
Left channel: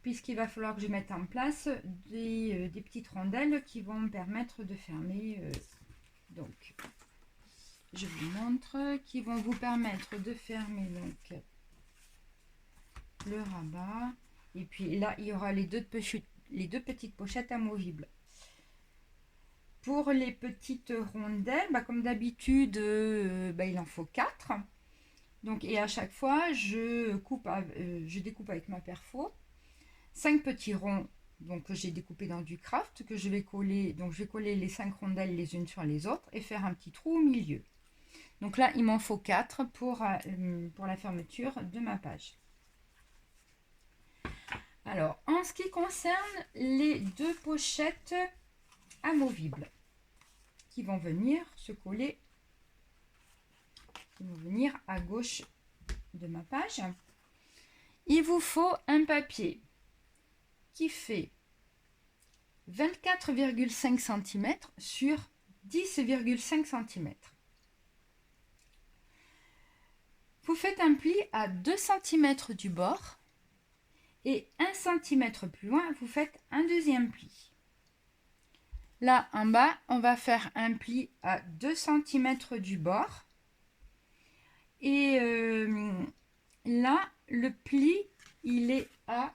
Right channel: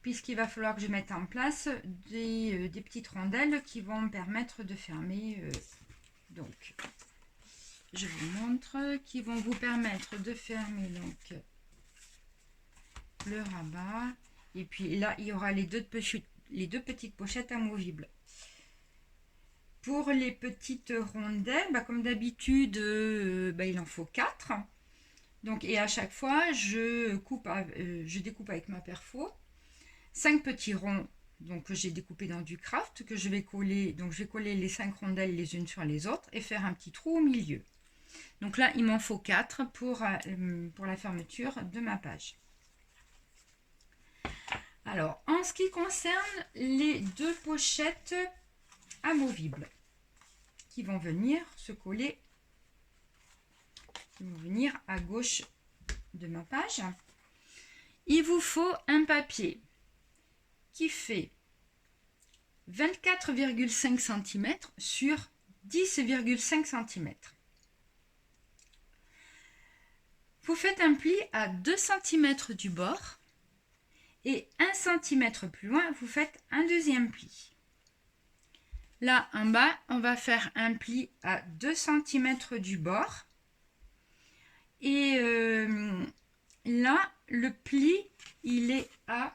Puisqu'il va falloir que je mette en place des petites rondelles qui vont me permettre de fermer. Donc, je vous montre, qui vont vous permettre de fermer donc, le rabat. Et puis là, il y aura les deux petites pochettes amovibles. Pour les petites rondelles, comme d'habitude, il en faut 4. Donc, et à chaque fois, je découpe avec ma perfo 5 petits ronds donc, que j'ai découpés dans du craft, que je vais coller. Donc, je vais coller les 5 rondelles les unes sur les autres et faire un petit trou au milieu. Donc là, il m'en faut 4 pour la fermeture de ma page. Alors, en ce qui concerne les deux pochettes amovibles qui vont venir se coller, qui vont venir à gauche de ma page, il vous faut un papier qui fait 24,5 cm sur 10,5 cm. Vous faites un pli à 2 cm du bord et 1 cm plus loin, vous faites un deuxième pli. Là, en bas, on va faire un pli à 2 cm du bord. Et là, le pli, il est à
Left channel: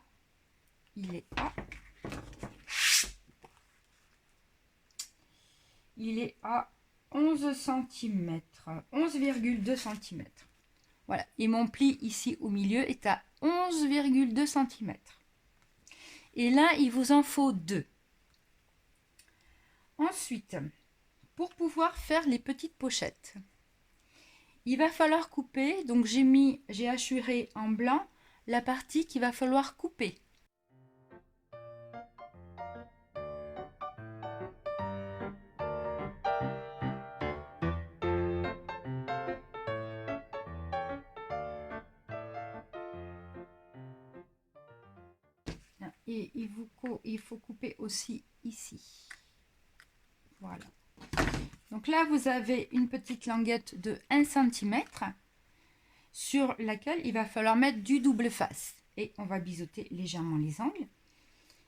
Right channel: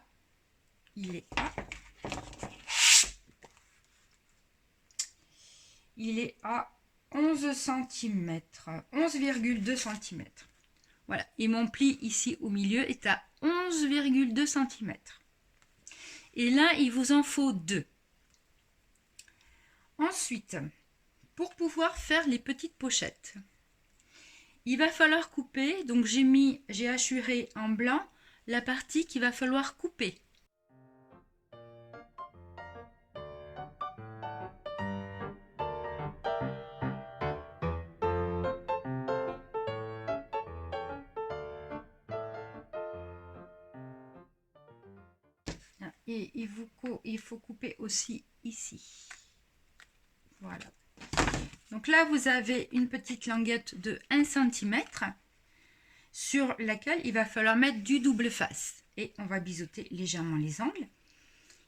11 cm, 11,2 cm. Voilà, et mon pli ici au milieu est à 11,2 cm. Et là, il vous en faut 2. Ensuite, pour pouvoir faire les petites pochettes, il va falloir couper. Donc j'ai hachuré en blanc la partie qu'il va falloir couper. Et il faut couper aussi ici. Voilà. Donc là, vous avez une petite languette de 1 cm sur laquelle il va falloir mettre du double face. Et on va biseauter légèrement les angles.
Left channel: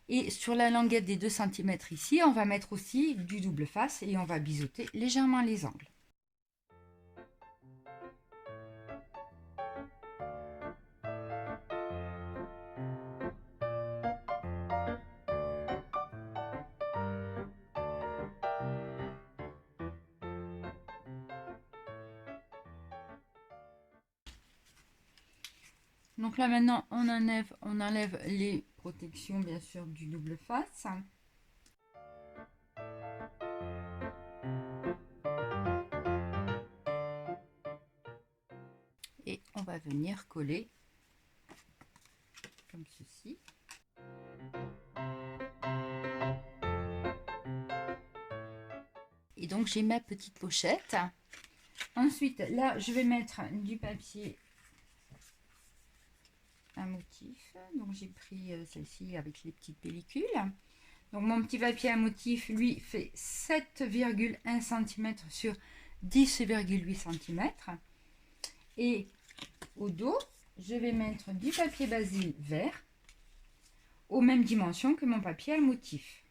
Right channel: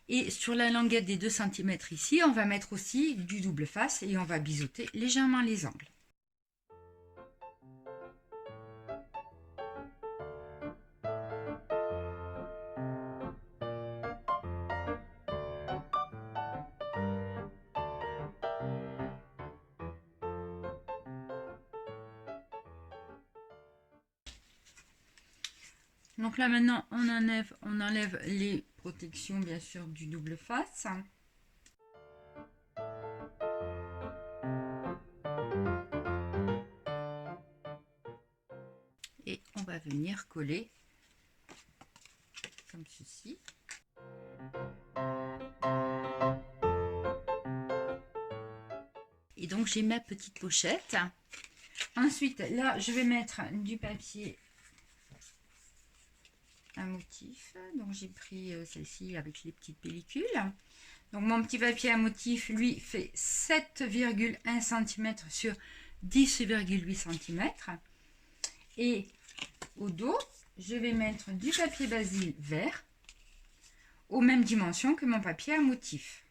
Et sur la languette des 2 cm ici, on va mettre aussi du double face et on va biseauter légèrement les angles. Donc là maintenant on enlève les protections bien sûr du double face. Et on va venir coller comme ceci. Et donc j'ai ma petite pochette. Ensuite là je vais mettre du papier un motif, donc j'ai pris celle-ci avec les petites pellicules. Donc mon petit papier à motif lui fait 7,1 cm sur 10,8 cm. Et au dos, je vais mettre du papier basil vert aux mêmes dimensions que mon papier à motif.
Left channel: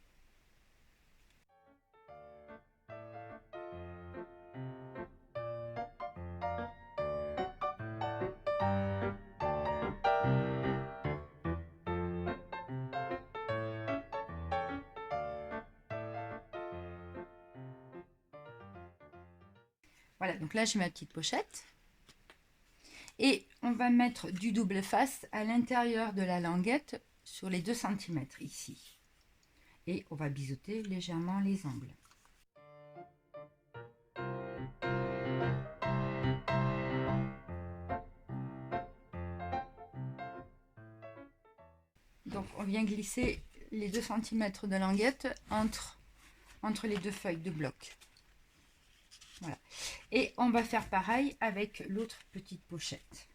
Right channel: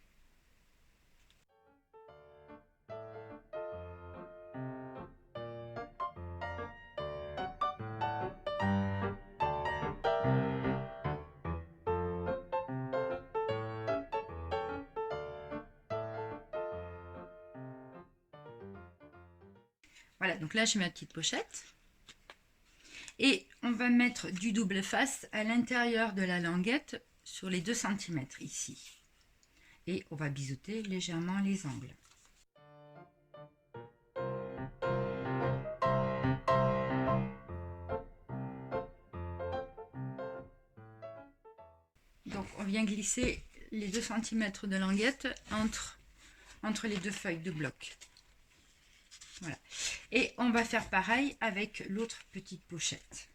Voilà, donc là j'ai ma petite pochette. Et on va mettre du double face à l'intérieur de la languette sur les 2 cm ici. Et on va biseauter légèrement les angles. Donc on vient glisser les 2 cm de languette entre les deux feuilles de bloc. Voilà. Et on va faire pareil avec l'autre petite pochette.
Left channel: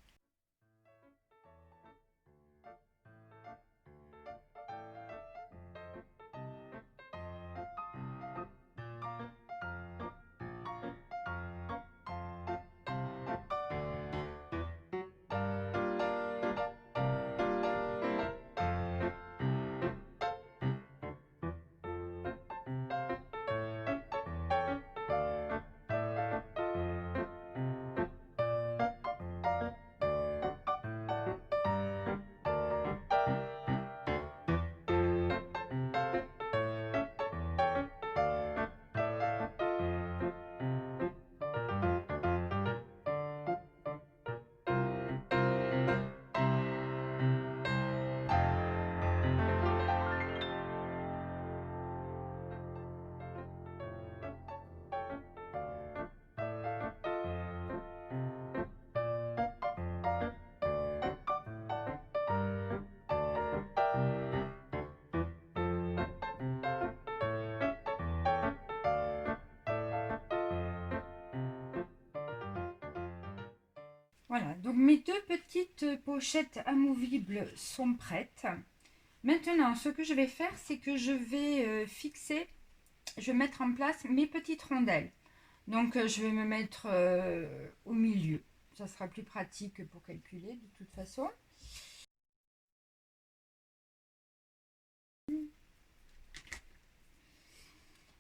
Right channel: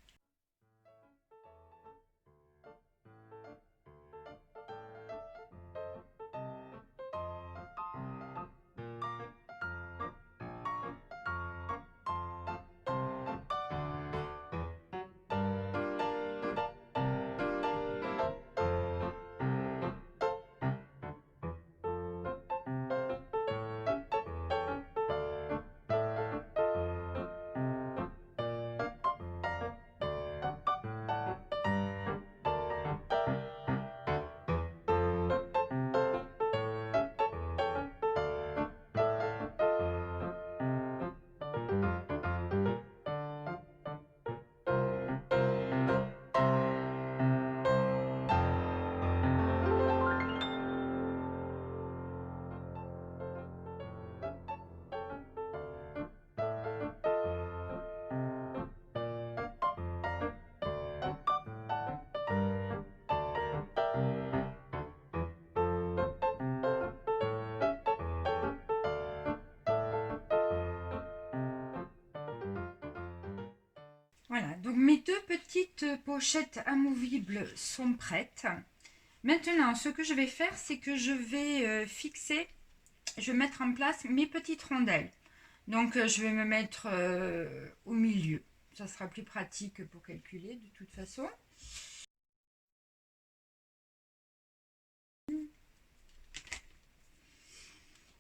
Voilà, donc mes 2 petites pochettes amovibles sont prêtes. Maintenant, ce que je vais faire, c'est que je vais je vais mettre en place mes petites rondelles. Donc, je vais me mettre au milieu. Ça sera plus pratique pour calculer de toute façon.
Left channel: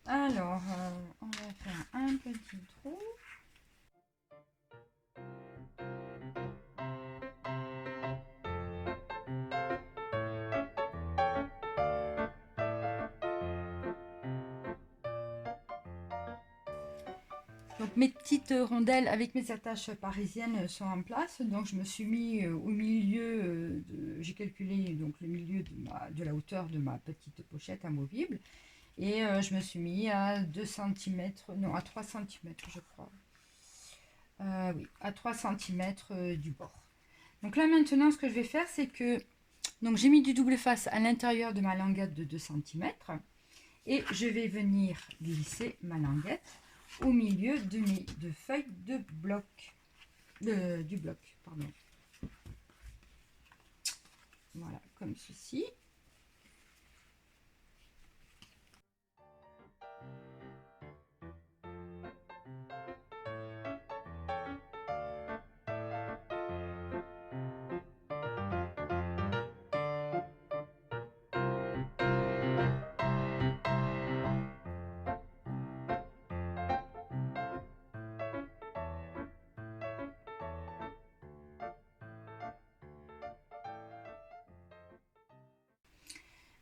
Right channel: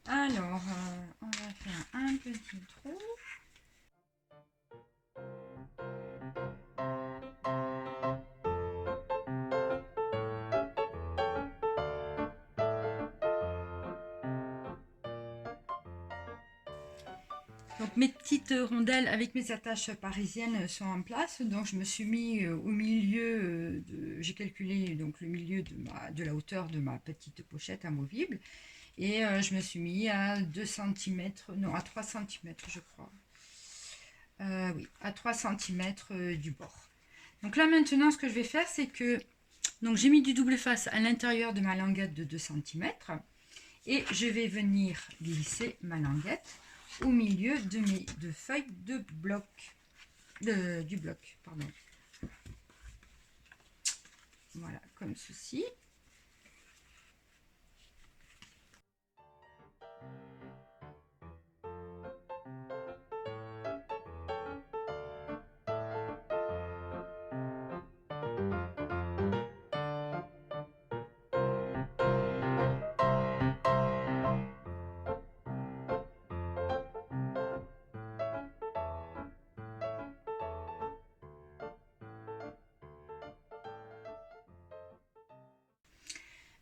Alors, on va faire un petit trou. Donc mes petites rondelles avec mes attaches parisiennes sont en place. Donc je me suis mis au milieu, j'ai calculé donc le milieu de la hauteur de ma petite pochette amovible. Et je me suis mis à 2 cm, non à 3 cm je crois. Oui, à 3 cm du bord. Donc là maintenant ce que je vais faire c'est que donc j'ai mis du double face à l'intérieur de ma languette de 2 cm. Et je vais venir glisser ma languette au milieu de mes 2 feuilles de bloc, du bloc, pardon. Voilà, comme ceci.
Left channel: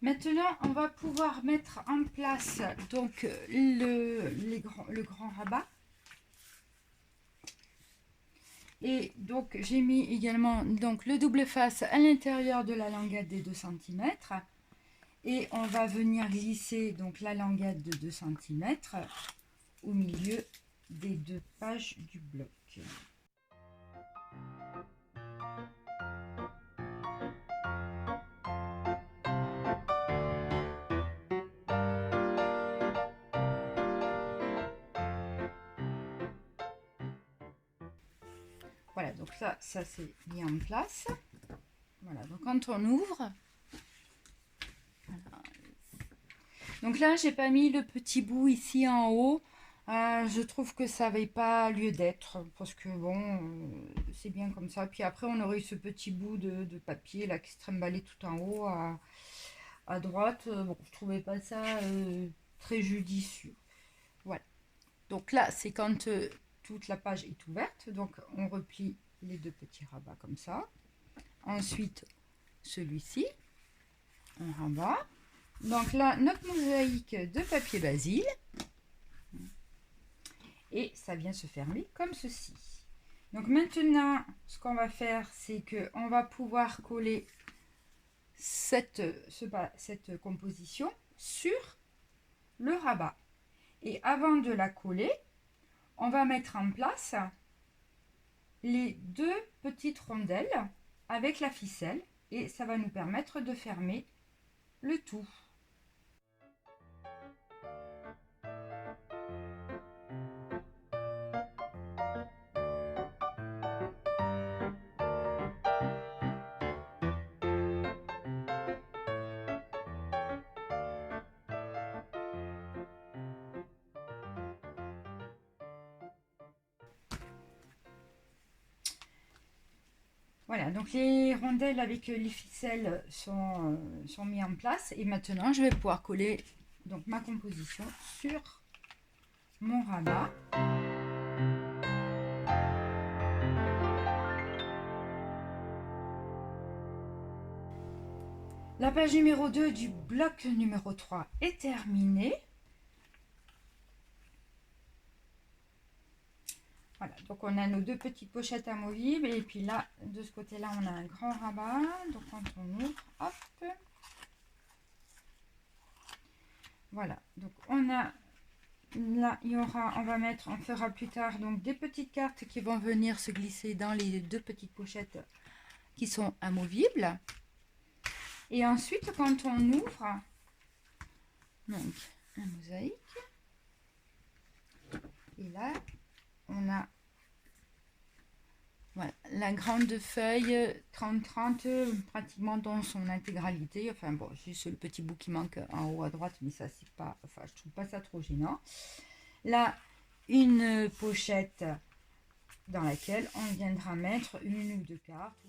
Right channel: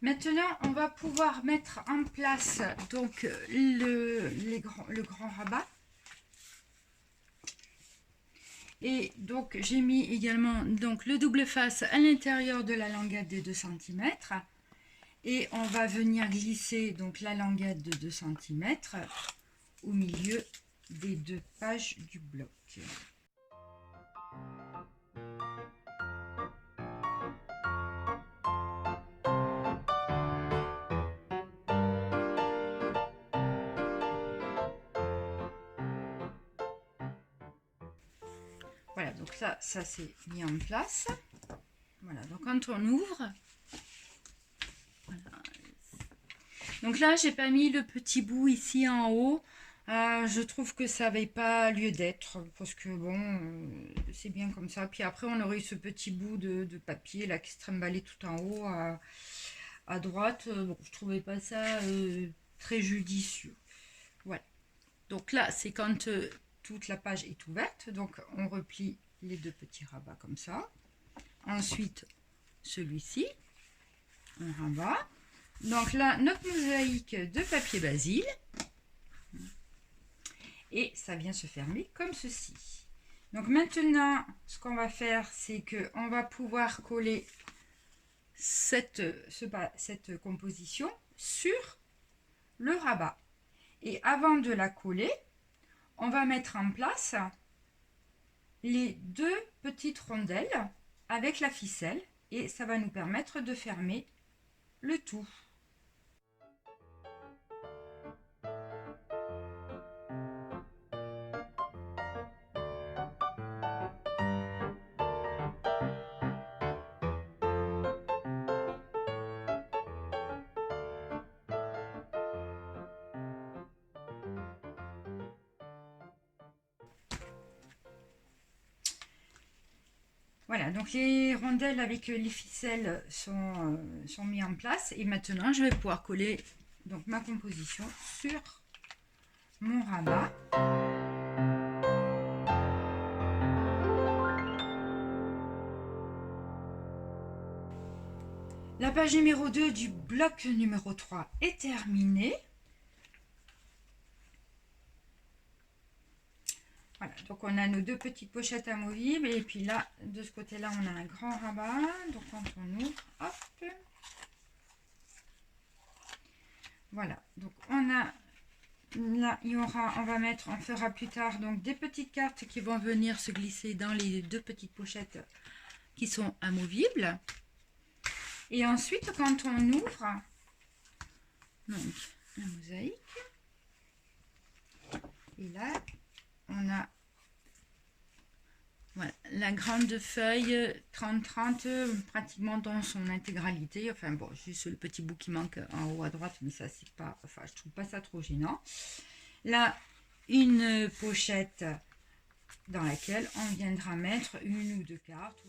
Maintenant, on va pouvoir mettre en place donc le grand rabat. Et donc, j'ai mis également donc, le double face à l'intérieur de la languette de 2 cm. Et on va venir glisser donc, la languette de 2 cm au milieu des 2 pages du bloc. Voilà, donc ça c'est mis en place. Voilà, donc quand on ouvre, voilà. Donc là j'ai pas mis le petit bout ici en haut Je trouve que ça n'avait pas lieu d'être, parce que bon, c'est bien comme ça. Puis après, on aurait eu ce petit bout de papier là qui se trimballait tout en haut à droite. Bon, je trouvais pas ça très judicieux. Voilà. Donc là, c'est quand toute la page est ouverte. Donc on replie les deux petits rabats comme ça. Ensuite, celui-ci, on rabat. Donc là, notre mosaïque de papier Basile. Et ça vient se fermer comme ceci. Donc maintenant, ce qu'on va faire, c'est qu'on va pouvoir coller cette composition sur le rabat. Et avant de la coller, on va mettre en place les deux petites rondelles avec la ficelle et ça va nous permettre de fermer le tout. Voilà, donc les rondelles avec les ficelles sont mis en place et maintenant je vais pouvoir coller donc ma composition sur mon rabat. La page numéro 2 du bloc numéro 3 est terminée. Voilà, donc on a nos deux petites pochettes amovibles et puis là, de ce côté-là, on a un grand rabat. Donc quand on ouvre, hop. Voilà, donc on a là, on fera plus tard donc des petites cartes qui vont venir se glisser dans les deux petites pochettes qui sont amovibles. Et ensuite, quand on ouvre, donc un mosaïque, et là, on a voilà, la grande feuille 30-30 pratiquement dans son intégralité. Enfin bon, juste le petit bout qui manque en haut à droite, mais ça c'est pas, enfin je trouve pas ça trop gênant. Là, une pochette dans laquelle on viendra mettre une ou deux cartes.